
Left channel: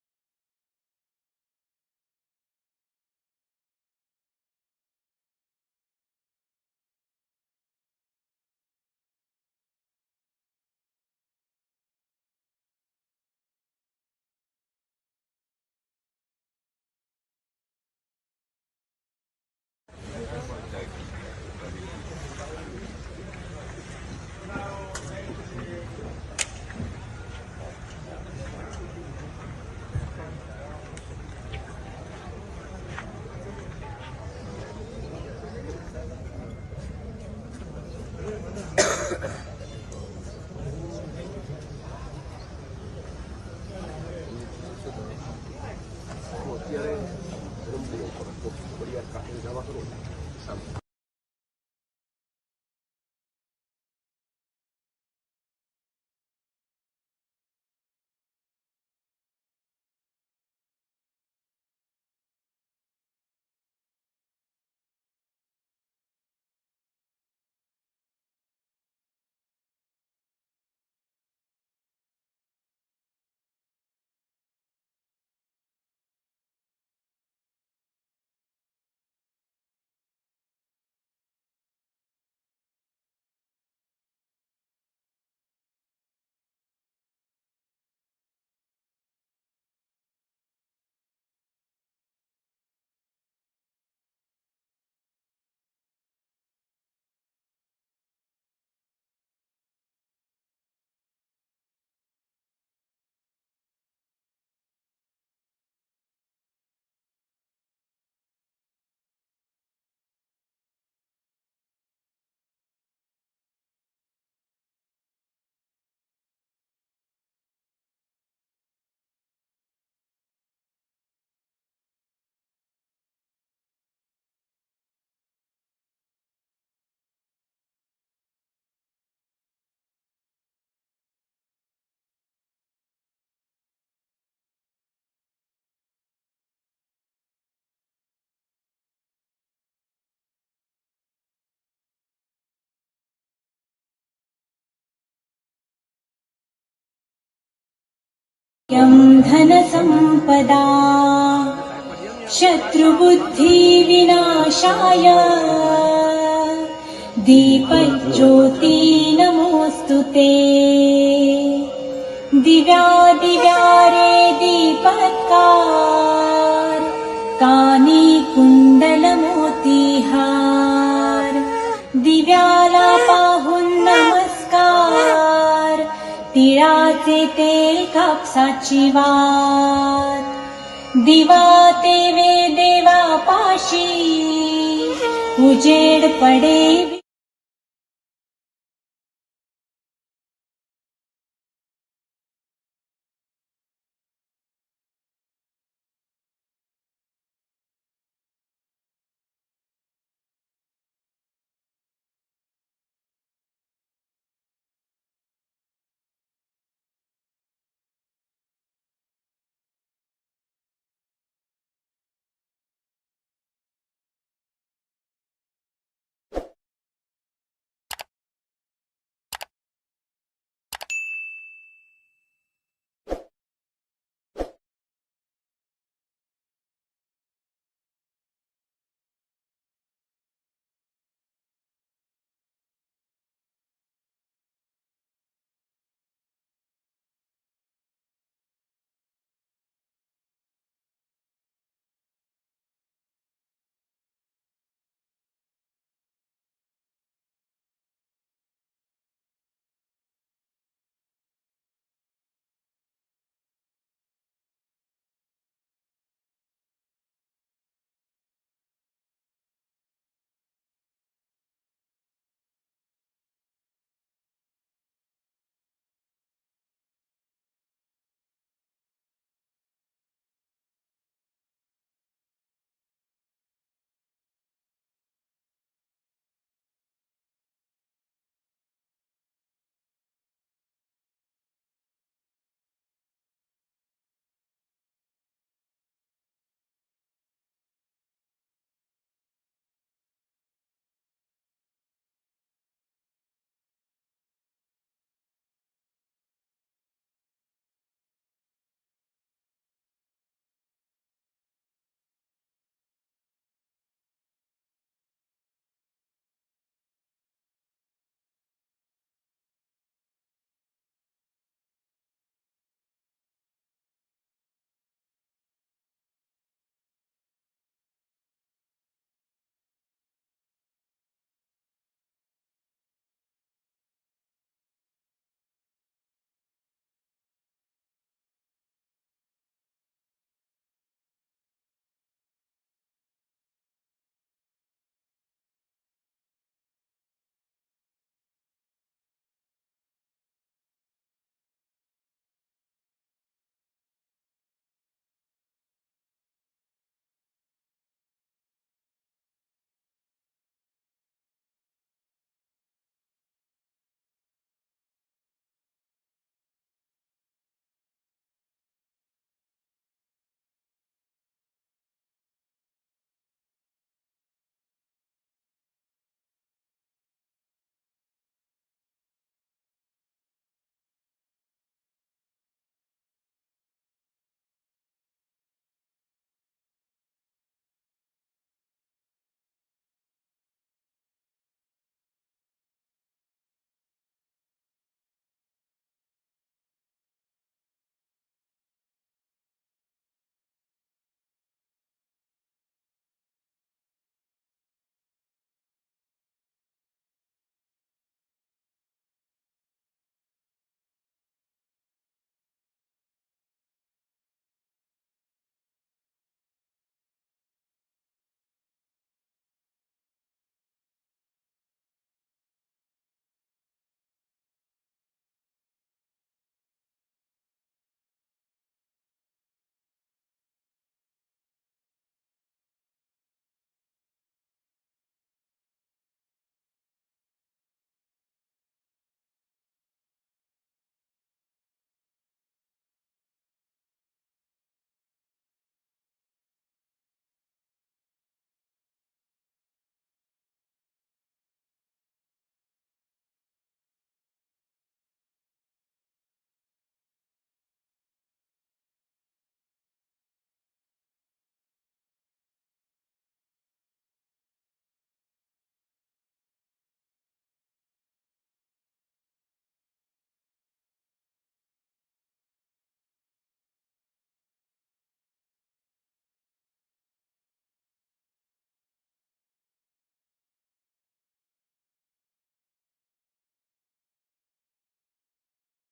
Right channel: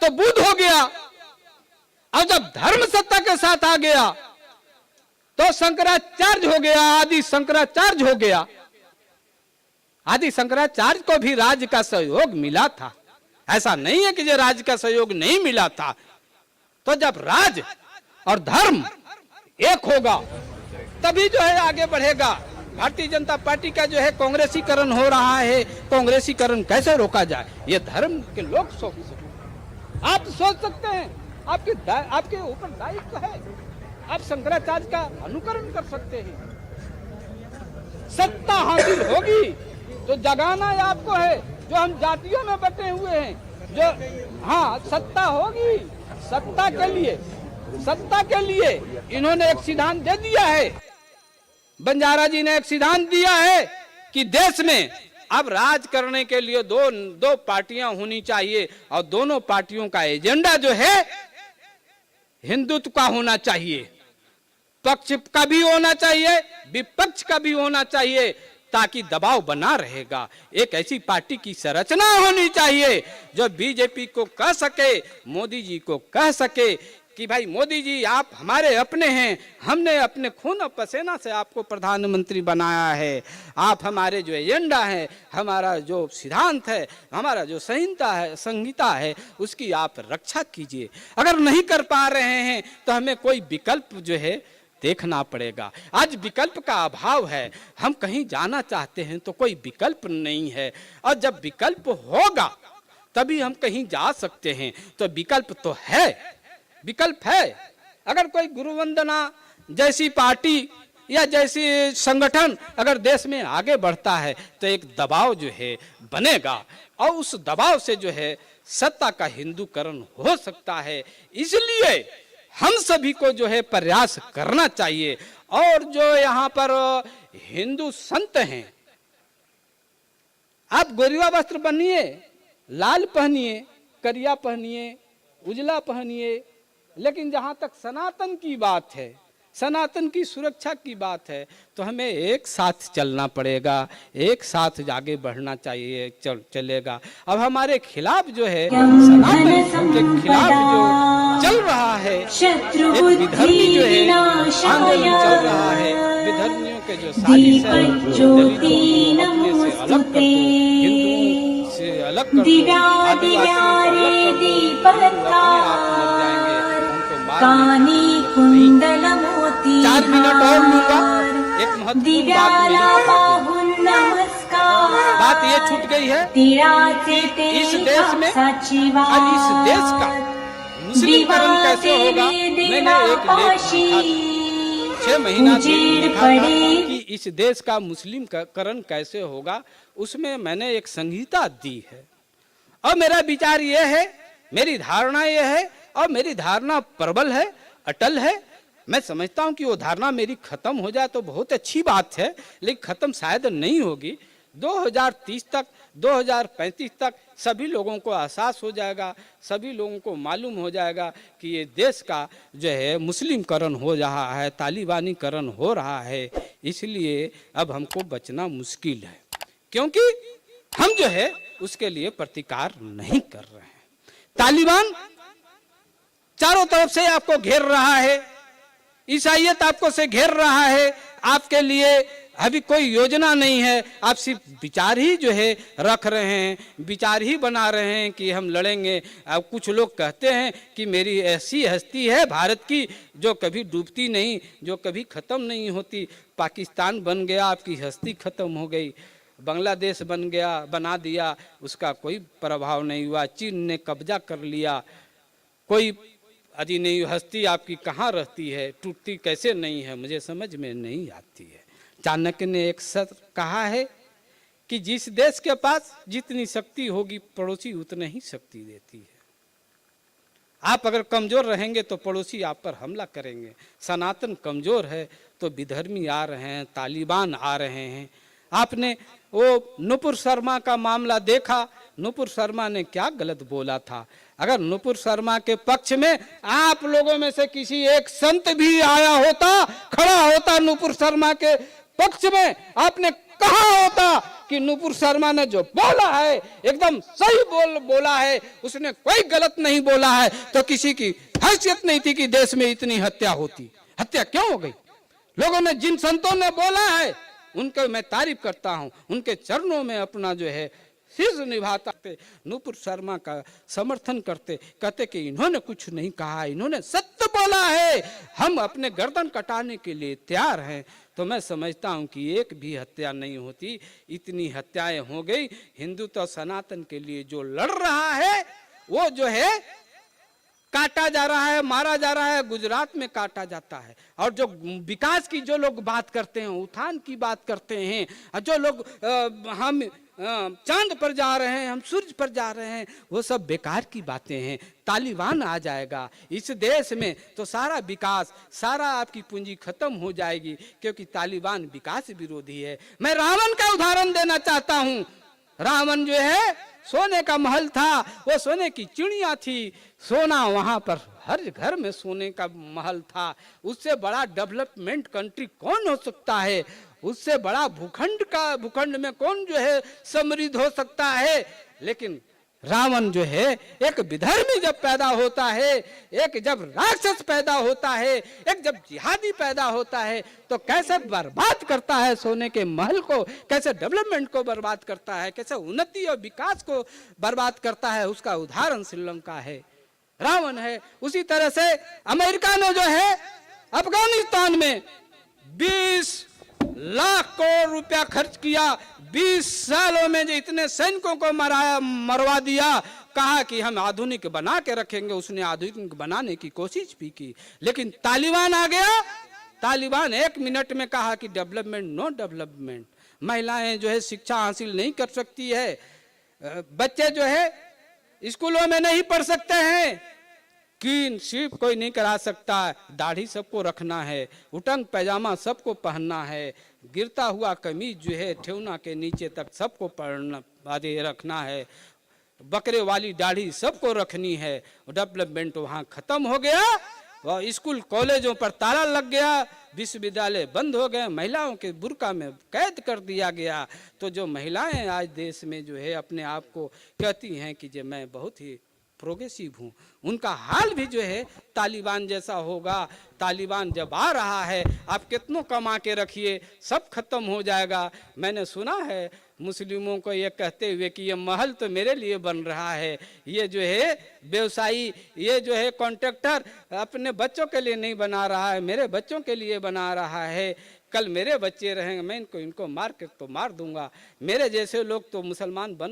तो बुद्ध हो गया, और जब धर्म सत्ता के साथ आ गया तो शंकराचार्य हो गया, आदि शंकराचार्य हो गया। आदि शंकराचार्य को भी राज्य का सहयोग मिला था, ऐसा नहीं है कि जो राज्य का सहयोग नहीं मिला था। तो जब राज और धर्म एक होगा तभी जो है आगे बढ़ेगा। भारतीय जनता पार्टी का जो है कांग्रेसीकरण हो रहा है, कांग्रेसीकरण कैसे रोका जाए, ये धर्म के लोग सोच सकते, आप सोच सकते हैं, आपके ऊपर दायित्व है, आप शंकराचार्य का अनुकरण कर सकते हैं। सत्ता हासिल होगी तो जगाना आपको है, जो हम जातियों में बटे हुए हैं, जो हाँ सत्ता होगी, सत्ता के लिए इन्होंने एक सिद्धांत दे दिया है, बंजारा जी ने एक सिद्धांत दिया है कि देश में अब राज करने के लिए दो पार्टियां होनी चाहिए, और दोनों पार्टियों का एजेंडा जो है हिंदुत्व का होना चाहिए, पक्ष का भी होना चाहिए, विपक्ष का भी होना चाहिए, ताकि दबाव बना रहेगा। एक ऐसी पार्टी की संरचना होनी चाहिए जो बीजेपी को कह सके, मोदी जी को कह सके कि भाई मोदी जी आप हमारे अपने हैं, हमने अपने खून और पसीना से आपको प्रधानमंत्री बनाया है, आप हमारे जो एजेंडा है, हमारा जो सिद्धांत है, हमारा जो संहिता है उसकी आप रक्षा कीजिए। अगर नहीं कर पा रहे हैं तो हमें कोई विकल्प जो है देखना पड़ेगा। आज विकल्प का अभाव है, हम कहीं जाना चाहते हैं तो कोई विकल्प नहीं है, और जब विकल्प होगा तभी हम कहीं जा सकते हैं। तो विकल्प तो है, विकल्प है। अगर कोई गुरु वंदना जैसी पार्टी या जैसी संगठन अगर देश में आगे बढ़ता है तो एक दबाव जो है बनेगा, और उस दबाव से जो है सत्ता का हिंदूकरण हो सकता है। इसलिए हम सभी को जो है प्रयास करना चाहिए। और जो यहाँ पर हिंदू संत हैं, आप गोरिया वस्त्र पहनिए, लाल पहनिए, करिया पहनिए, उजला पहनिए, लेकिन जहां तक सनातन की बात है, सनातन की सुरक्षा की बात है, तो हमें एक साथ चलना पड़ेगा, एक साथ आगे बढ़ना चाहिए, चलेगा। अब हमारे खिलाफ जो है सनातन के खिलाफ जो चल रहा है, शत्रु बुद्धि विनाशाय दीपक ज्योति नमोस्तुते दिव्या दिव्यारे दीपत्कार कानी कुंडल मोतीहार दिव्यालापाहुन नमस्कार बात ये छूट गई है। तिळाचे तेल कापसाची वात दिवाते देवा पाशी उजेड पड़े। कि इस देश का मुस्लिम करण कैसे होगा, उसमें मैंने एक संहिता दी है, और मेरा विचार यह है, मेरी धारणा यह है, और मेरी धारणा प्रबल है, अटल है। मैं समझता हूं कि वो धारणा मेरी खत्म हो जाए तो बहुत अच्छी बात है, लेकिन खत्म शायद नहीं होगी। 2030 तक, 2035 तक सभी लोगों को एहसास हो जाएगा, सभी लोगों को मालूम हो जाएगा कि ये देश का जो है मुस्लिमकरण हो रहा है, तालिबानीकरण हो रहा है। इसलिए अब हमको बचना मुश्किल है, क्योंकि हम जो है उसके लिए प्रतिकार नहीं कर रहे हैं। तालिबान चारों तरफ से आपको घेर रहा है, ईसाईयत आपको से घेर रहा है, आपके लिए अभी कोई योजना नहीं है, आप सिर्फ विचार ही जो है रख रहे हैं, विचार ही बना रहे हैं कि हम लड़ेंगे। अब कुछ लोग कहते हैं कि मेरी ऐसी हस्ती है भारत की जो कभी डूबती नहीं, जो कभी खत्म नहीं होती, पाकिस्तान बन गया आपकी हस्ती खत्म हो गई। बांग्लादेश बना दिया, उसका कोई प्रभाव नहीं हुआ। चीन ने कब्जा कर लिया, कोई अजी नहीं, हस्ती आपकी कहाँ रहती है, टूटती कैसे नहीं है, मुझे समझ में नहीं आती है। चाणक्य ने एक सत्य कहा है कि जिस देश के पास जितनी शक्ति होगी पड़ोसी उतनी ही शक्ति देती है। आप अगर कमजोर रहेंगे तो पड़ोसी आप पर हमला करेंगे। सनातन कमजोर है तो विधर्मी आ रहे हैं, तालिबान आ रहे हैं। आपने वो नुपुर शर्मा का मामला देखा, नुपुर शर्मा ने क्या गलत बोला था। अगर नुपुर शर्मा के पक्ष में आप लोगों में से किसी एक संत भी आया होता, खड़ा होता नुपुर शर्मा के पक्ष में, आपने कहा होता कि नुपुर शर्मा ने जो बोला है एकदम सही बोला है, उसने कोई गलत नहीं बोला है, तो किसी की हैसियत नहीं थी कि देश में इतनी हत्या होती। हत्या क्यों हो गई? लोगों ने, जिन संतों ने बोला है उनके मैं तारीफ करता हूं, उनके चरणों में अपना जो है शीश निभाता थे, नुपुर शर्मा का समर्थन करते, कहते कि इन्होंने कुछ नहीं कहा, इन्होंने सत्य बोला है, हम अपने गर्दन कटाने के लिए तैयार हैं। तो मैं समझता हूं कि एक भी हत्या नहीं होती, इतनी हत्याएं हो गई। हिंदुत्व सनातन के लिए जो लड़ रहा है वो जो है काटा जा रहा है, मारा जा रहा है, गुजरात में काटा जाता है। और जो विकास की जो लोग बात करते हैं, उत्थान की बात करते हैं, जो लोग हम चांद पर जा रहे हैं, हम सूरज पर जा रहे हैं, वो सब बेकार की बातें हैं। तालिबान आ जाएगा इस देश में तो सारा विकास, सारा आपकी पूंजी खत्म हो जाएगी, क्योंकि तालिबान विकास विरोधी है। मैं रावण का उदाहरण देना चाहता हूं। रावण जो है सोने का महल था, वो सोने की चिड़िया थी, सोना वहां पर हर घर में सोने का महल था। उससे बड़ा डेवलपमेंट कंट्री कौन हो सकता है? उससे बड़ा भूखंड में कौन जो है समृद्ध हो सकता है? लेकिन रावण जो है एक विधर्मी जब पैदा होता है, एक जब राक्षस पैदा होता है, एक जब जिहादी पैदा होता है, तो कैसे बर्बाद करता है सोने के महल को, कैसे डेवलपमेंट को बर्बाद करता है, कैसे उन्नति और विकास को बर्बाद करता है, उसका उदाहरण श्रीलंका है, रावण है। उसी तरह से अमेरिका ने जो है अफगानिस्तान में 20 लाख करोड़ रुपया खर्च किया, 20 सालों में जो इतने सैनिकों को मरवा दिया, कहा कि हम आधुनिक बना के रखेंगे। उसने आधुनिक बनाने की कोशिश भी की, लेकिन तालिबान आ गया। तालिबान 1 मिनट में कहा कि डेवलपमेंट, नो डेवलपमेंट। महिलाएं जो है शिक्षा हासिल नहीं कर सकती है, बच्चे जो है स्कूलों में नहीं पढ़ सकते हैं, कि सिर्फ कोई नहीं करा सकता, दाढ़ी सबको रखना है, उटंग पैजामा सबको पहनना है, गिरता हुआ कमीज जो है ठेवना के नीचे तक सबको पहनना रखना है, बकरे वाली दाढ़ी सबको रखनी है। डेवलपमेंट वहाँ खत्म हो गया, वह स्कूल कॉलेजों पर ताला लग गया, विश्वविद्यालय बंद हो गए, महिलाओं के बुर्का में कैद कर दिया गया। तो जो महिलाएं आज देश में जो है अपने आप को कहती हैं कि जो मैं बहुत ही प्रोग्रेसिव हूँ, उनका हाल भी जो है तालिबान जैसा होगा। तालिबान जब आ रहा है, आप कितनों कमा के रखिए, सब खत्म हो जाएगा। मैंने सुना है मुस्लिमों को ये कहते हुए कि ये महल तो मेरे लिए बन रहा है, ये जो है व्यवसायी, ये जो है कॉन्ट्रैक्टर अपने बच्चों के लिए नहीं बना रहा है, मेरे बच्चों के लिए बना रहा है। कल मेरे बच्चे रहेंगे, मैं इनको मार के तो मार दूंगा। मेरे जैसे लोग तो मुसलमान बन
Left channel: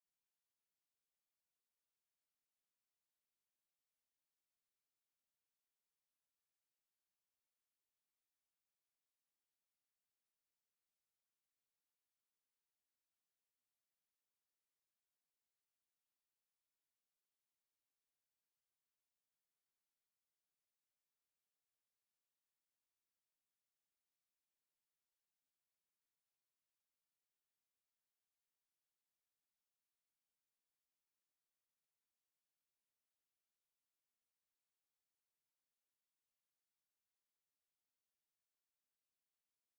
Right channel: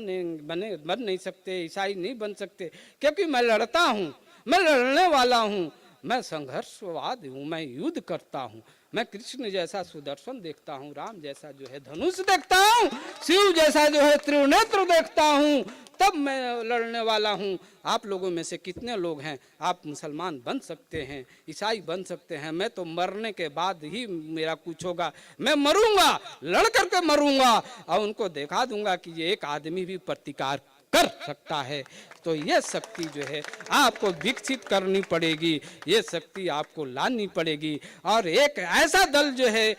नहीं सकते, ईसाई नहीं बन सकते, क्योंकि मैं लड़ता हूँ, मैं लड़ने वाला हूँ, मैं संघर्षवाद हूँ, मैं युद्ध करता हूँ। मैं कृष्ण जैसा सुदर्शन देखता हूँ, राम जैसा जो है धनुष देखता हूँ, शिव जैसा जो है त्रिनेत्र देखता हूँ, तब मैं लड़ने वाला हूँ। आप लोगों में से कितने लोग हैं आप मुसलमान बन सकते हैं, ईसाई बन सकते हैं? मैं तो मरने के बाद ही मेरा कुछ होगा, मैं मरूंगा, लड़ करके मरूंगा और उनको दिखा दूंगा कि ये एक आदमी भी प्रतिकार कर सकता है। तो ये शक्ति जो है आपको विकसित करनी पड़ेगी, ये शक्ति आपको लानी पड़ेगी, और एक ऐसा दल जो है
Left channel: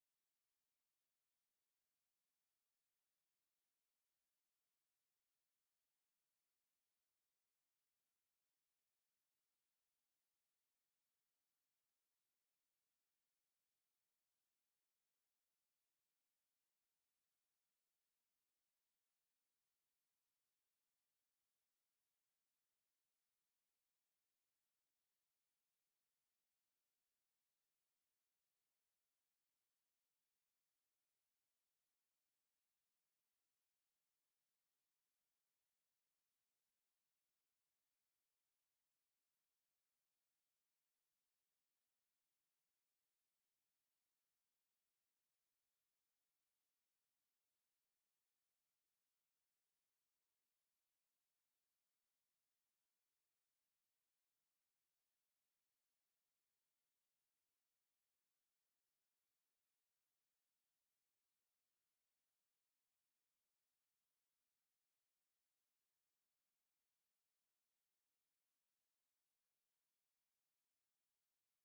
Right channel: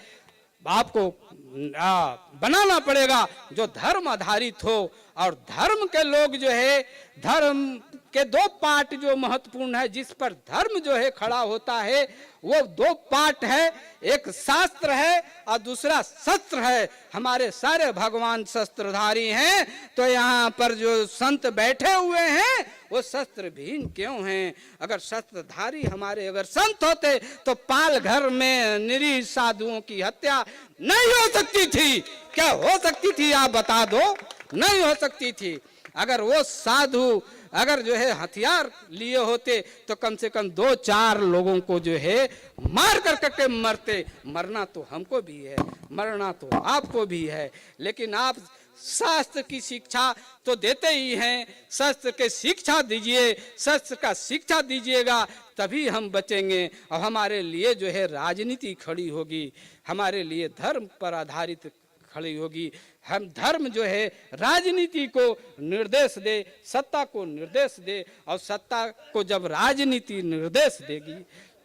आपको बनाना पड़ेगा जो धर्म आधारित हो। और धर्म के लोग जो है, धर्म के 2 पार्ट जो महत्वपूर्ण है, जिस पर धर्म जो है खड़ा होता है, वो दो पार्ट है, एक शास्त्र है और दूसरा शस्त्र है। हमारे सारे भगवान शस्त्रधारी हैं, तो यहाँ पर जो संत बैठे हुए हैं वो शस्त्र विहीन क्यों हैं? अगर शस्त्रधारी हमारे अगर संत होते तो पाल घर में निरीह साधुओं की हत्या नहीं हो सकती थी। क्या हो सकती थी आप बता दो? नहीं हो सकती थी। अगर वो साधु अगर जो है हथियार लिए होते तो कम से कम 2-4 लोगों को जो है मार कर करके मरते। मरना तो हमको भी है, मरना तो आपको भी है, लेकिन आप शास्त्र की शिक्षा तो देते ही हैं। शास्त्र के शिक्षा दीजिए, शास्त्र का शिक्षा दीजिएगा तभी हम बचेंगे और हमारे लिए जो है राजनीति खड़ी होगी, हमारे लिए धर्म पर आधारित खड़ी होगी। हम धर्म जो है राजनीति को निर्देश दे, सत्ता को निर्देश दे, और सत्ता को जब राजनीति निर्देश देगी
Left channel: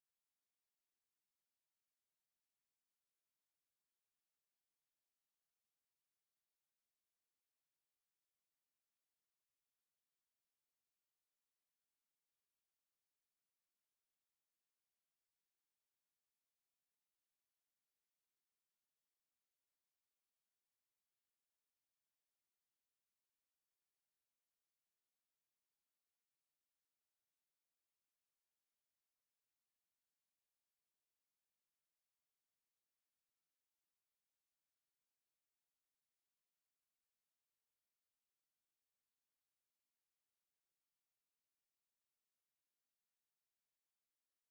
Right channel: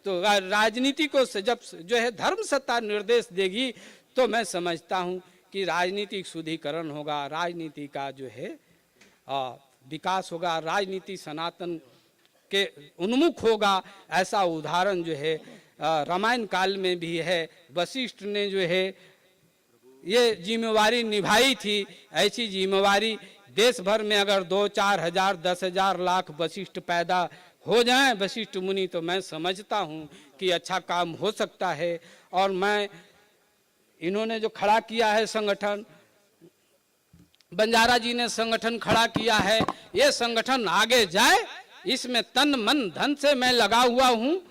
तो राजनीति को जब जो है धर्म सत्ता निर्देश देगी तो मैं समझता हूँ कि राजनीतिक शुद्धिकरण होगा, राजनीति का जो है विकास होगा, राजनीति सनातन के उन्मुख होगा। ऐसा उदाहरण जो है रामायण काल में भी है। वशिष्ठ ने जो है ये जिम्मेवारी निभाई थी। ऐसी जिम्मेवारी देश भर में अगर 2-4 हजार 10,000 लाख वशिष्ठ पैदा हो जाएं वशिष्ठ मुनि, तो मैं समझता हूँ कि अच्छा काम हो सकता है। और मैं इन्होंने जो खड़ा किया है संगठन, बंजारा जी ने संगठन खड़ा किया है, ये संगठन आगे जाए, इसमें तन मन धन से मैं लगा हुआ हूँ।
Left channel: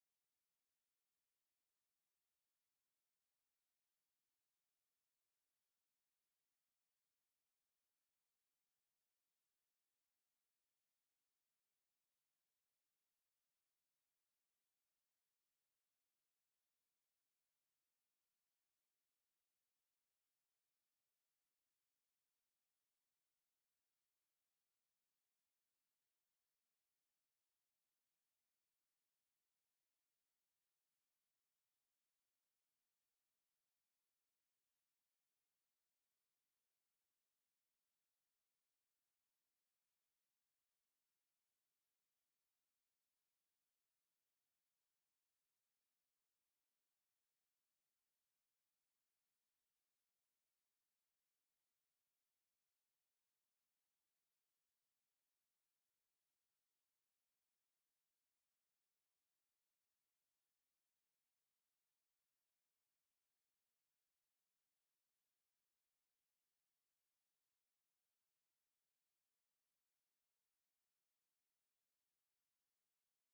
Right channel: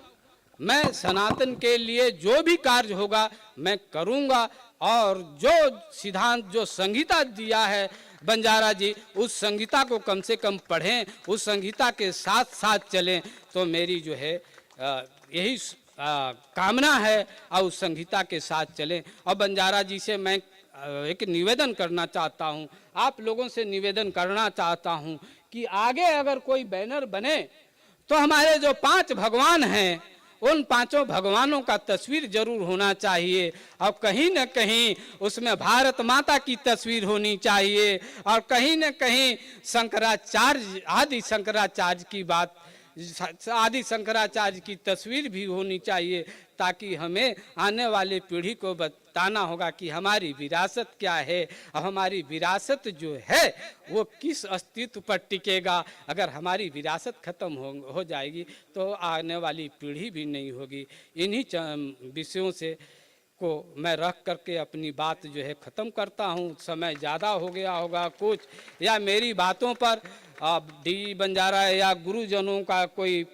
मैं सनातन के लिए जो भी कार्य होगा मैं करूँगा, और जो सिद्धांत जो संहिता दिया है बंजारा जी, उस संहिता को कम से कम पढ़ें, उस संहिता के साथ साथ चलें, तो मेरी जो है यही कामना है, और उस संहिता के साथ चलें। और बंजारा जी से मैं एक निवेदन करना चाहता हूँ, आप लोगों से निवेदन करना चाहता हूँ कि आगे अगर कोई बैनर बने तो हमारे जो 5 भगवान हैं उन 5 भगवानों का तस्वीर जरूर होना चाहिए, और कहीं न कहीं उसमें भारत माता की तस्वीर होनी चाहिए, और कहीं न कहीं शंकराचार्य आदि शंकराचार्य की तस्वीर भी होनी चाहिए, ताकि हमें आने वाले पीढ़ी को बताना होगा कि हमारी विरासत क्या है, और हमारी विरासत जो है वो किस अस्तित्व पर टिकेगा। अगर हमारी विरासत खत्म हो जाएगी तो आने वाली पीढ़ी भी नहीं होगी। इन्हीं विषयों से को मैं रख करके अपनी बात जो है ख़त्म करता हूँ। समय ज़्यादा हो गया होगा कुछ, या मेरी बातों पर डी बंजारा या गुरुजनों का कोई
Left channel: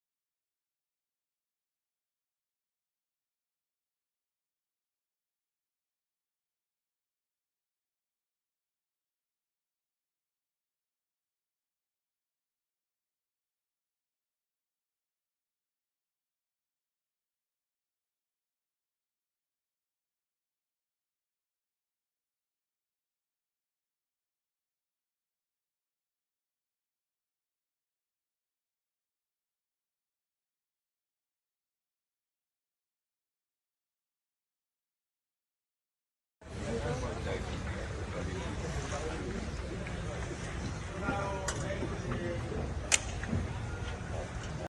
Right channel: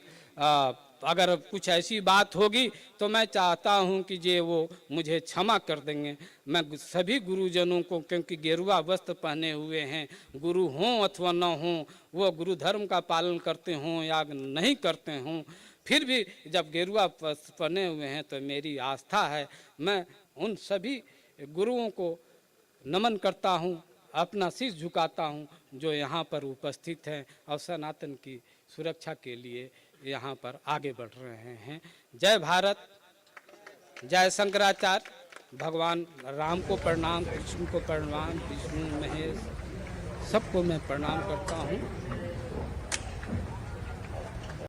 अगर कुछ ऐसी बात होगी तो मैं चाहता हूं कि जे वो मुझे क्षमा कर देंगे। मैं सभी गुरुजनों को, क्योंकि गेरुआ वस्त्र पहने हुए हैं, गुरु हों अथवा न हों, वो गुरु धर्म का पालन करते हों या नहीं करते हों, फिर भी जब गेरुआ वस्त्र पहने हुए हैं तो मेरी आस्था है, मैं उन सभी गुरुओं को नमन करता हूँ, अपना शीश झुकाता हूँ जो यहाँ पर उपस्थित हैं और सनातन की सुरक्षा के लिए यहाँ पर आगे बढ़ रहे हैं। जय भारत, जय शंकराचार्य, भगवान राम को प्रणाम, कृष्ण को प्रणाम, विष्णु महेश सबको मैं प्रणाम करता हूँ।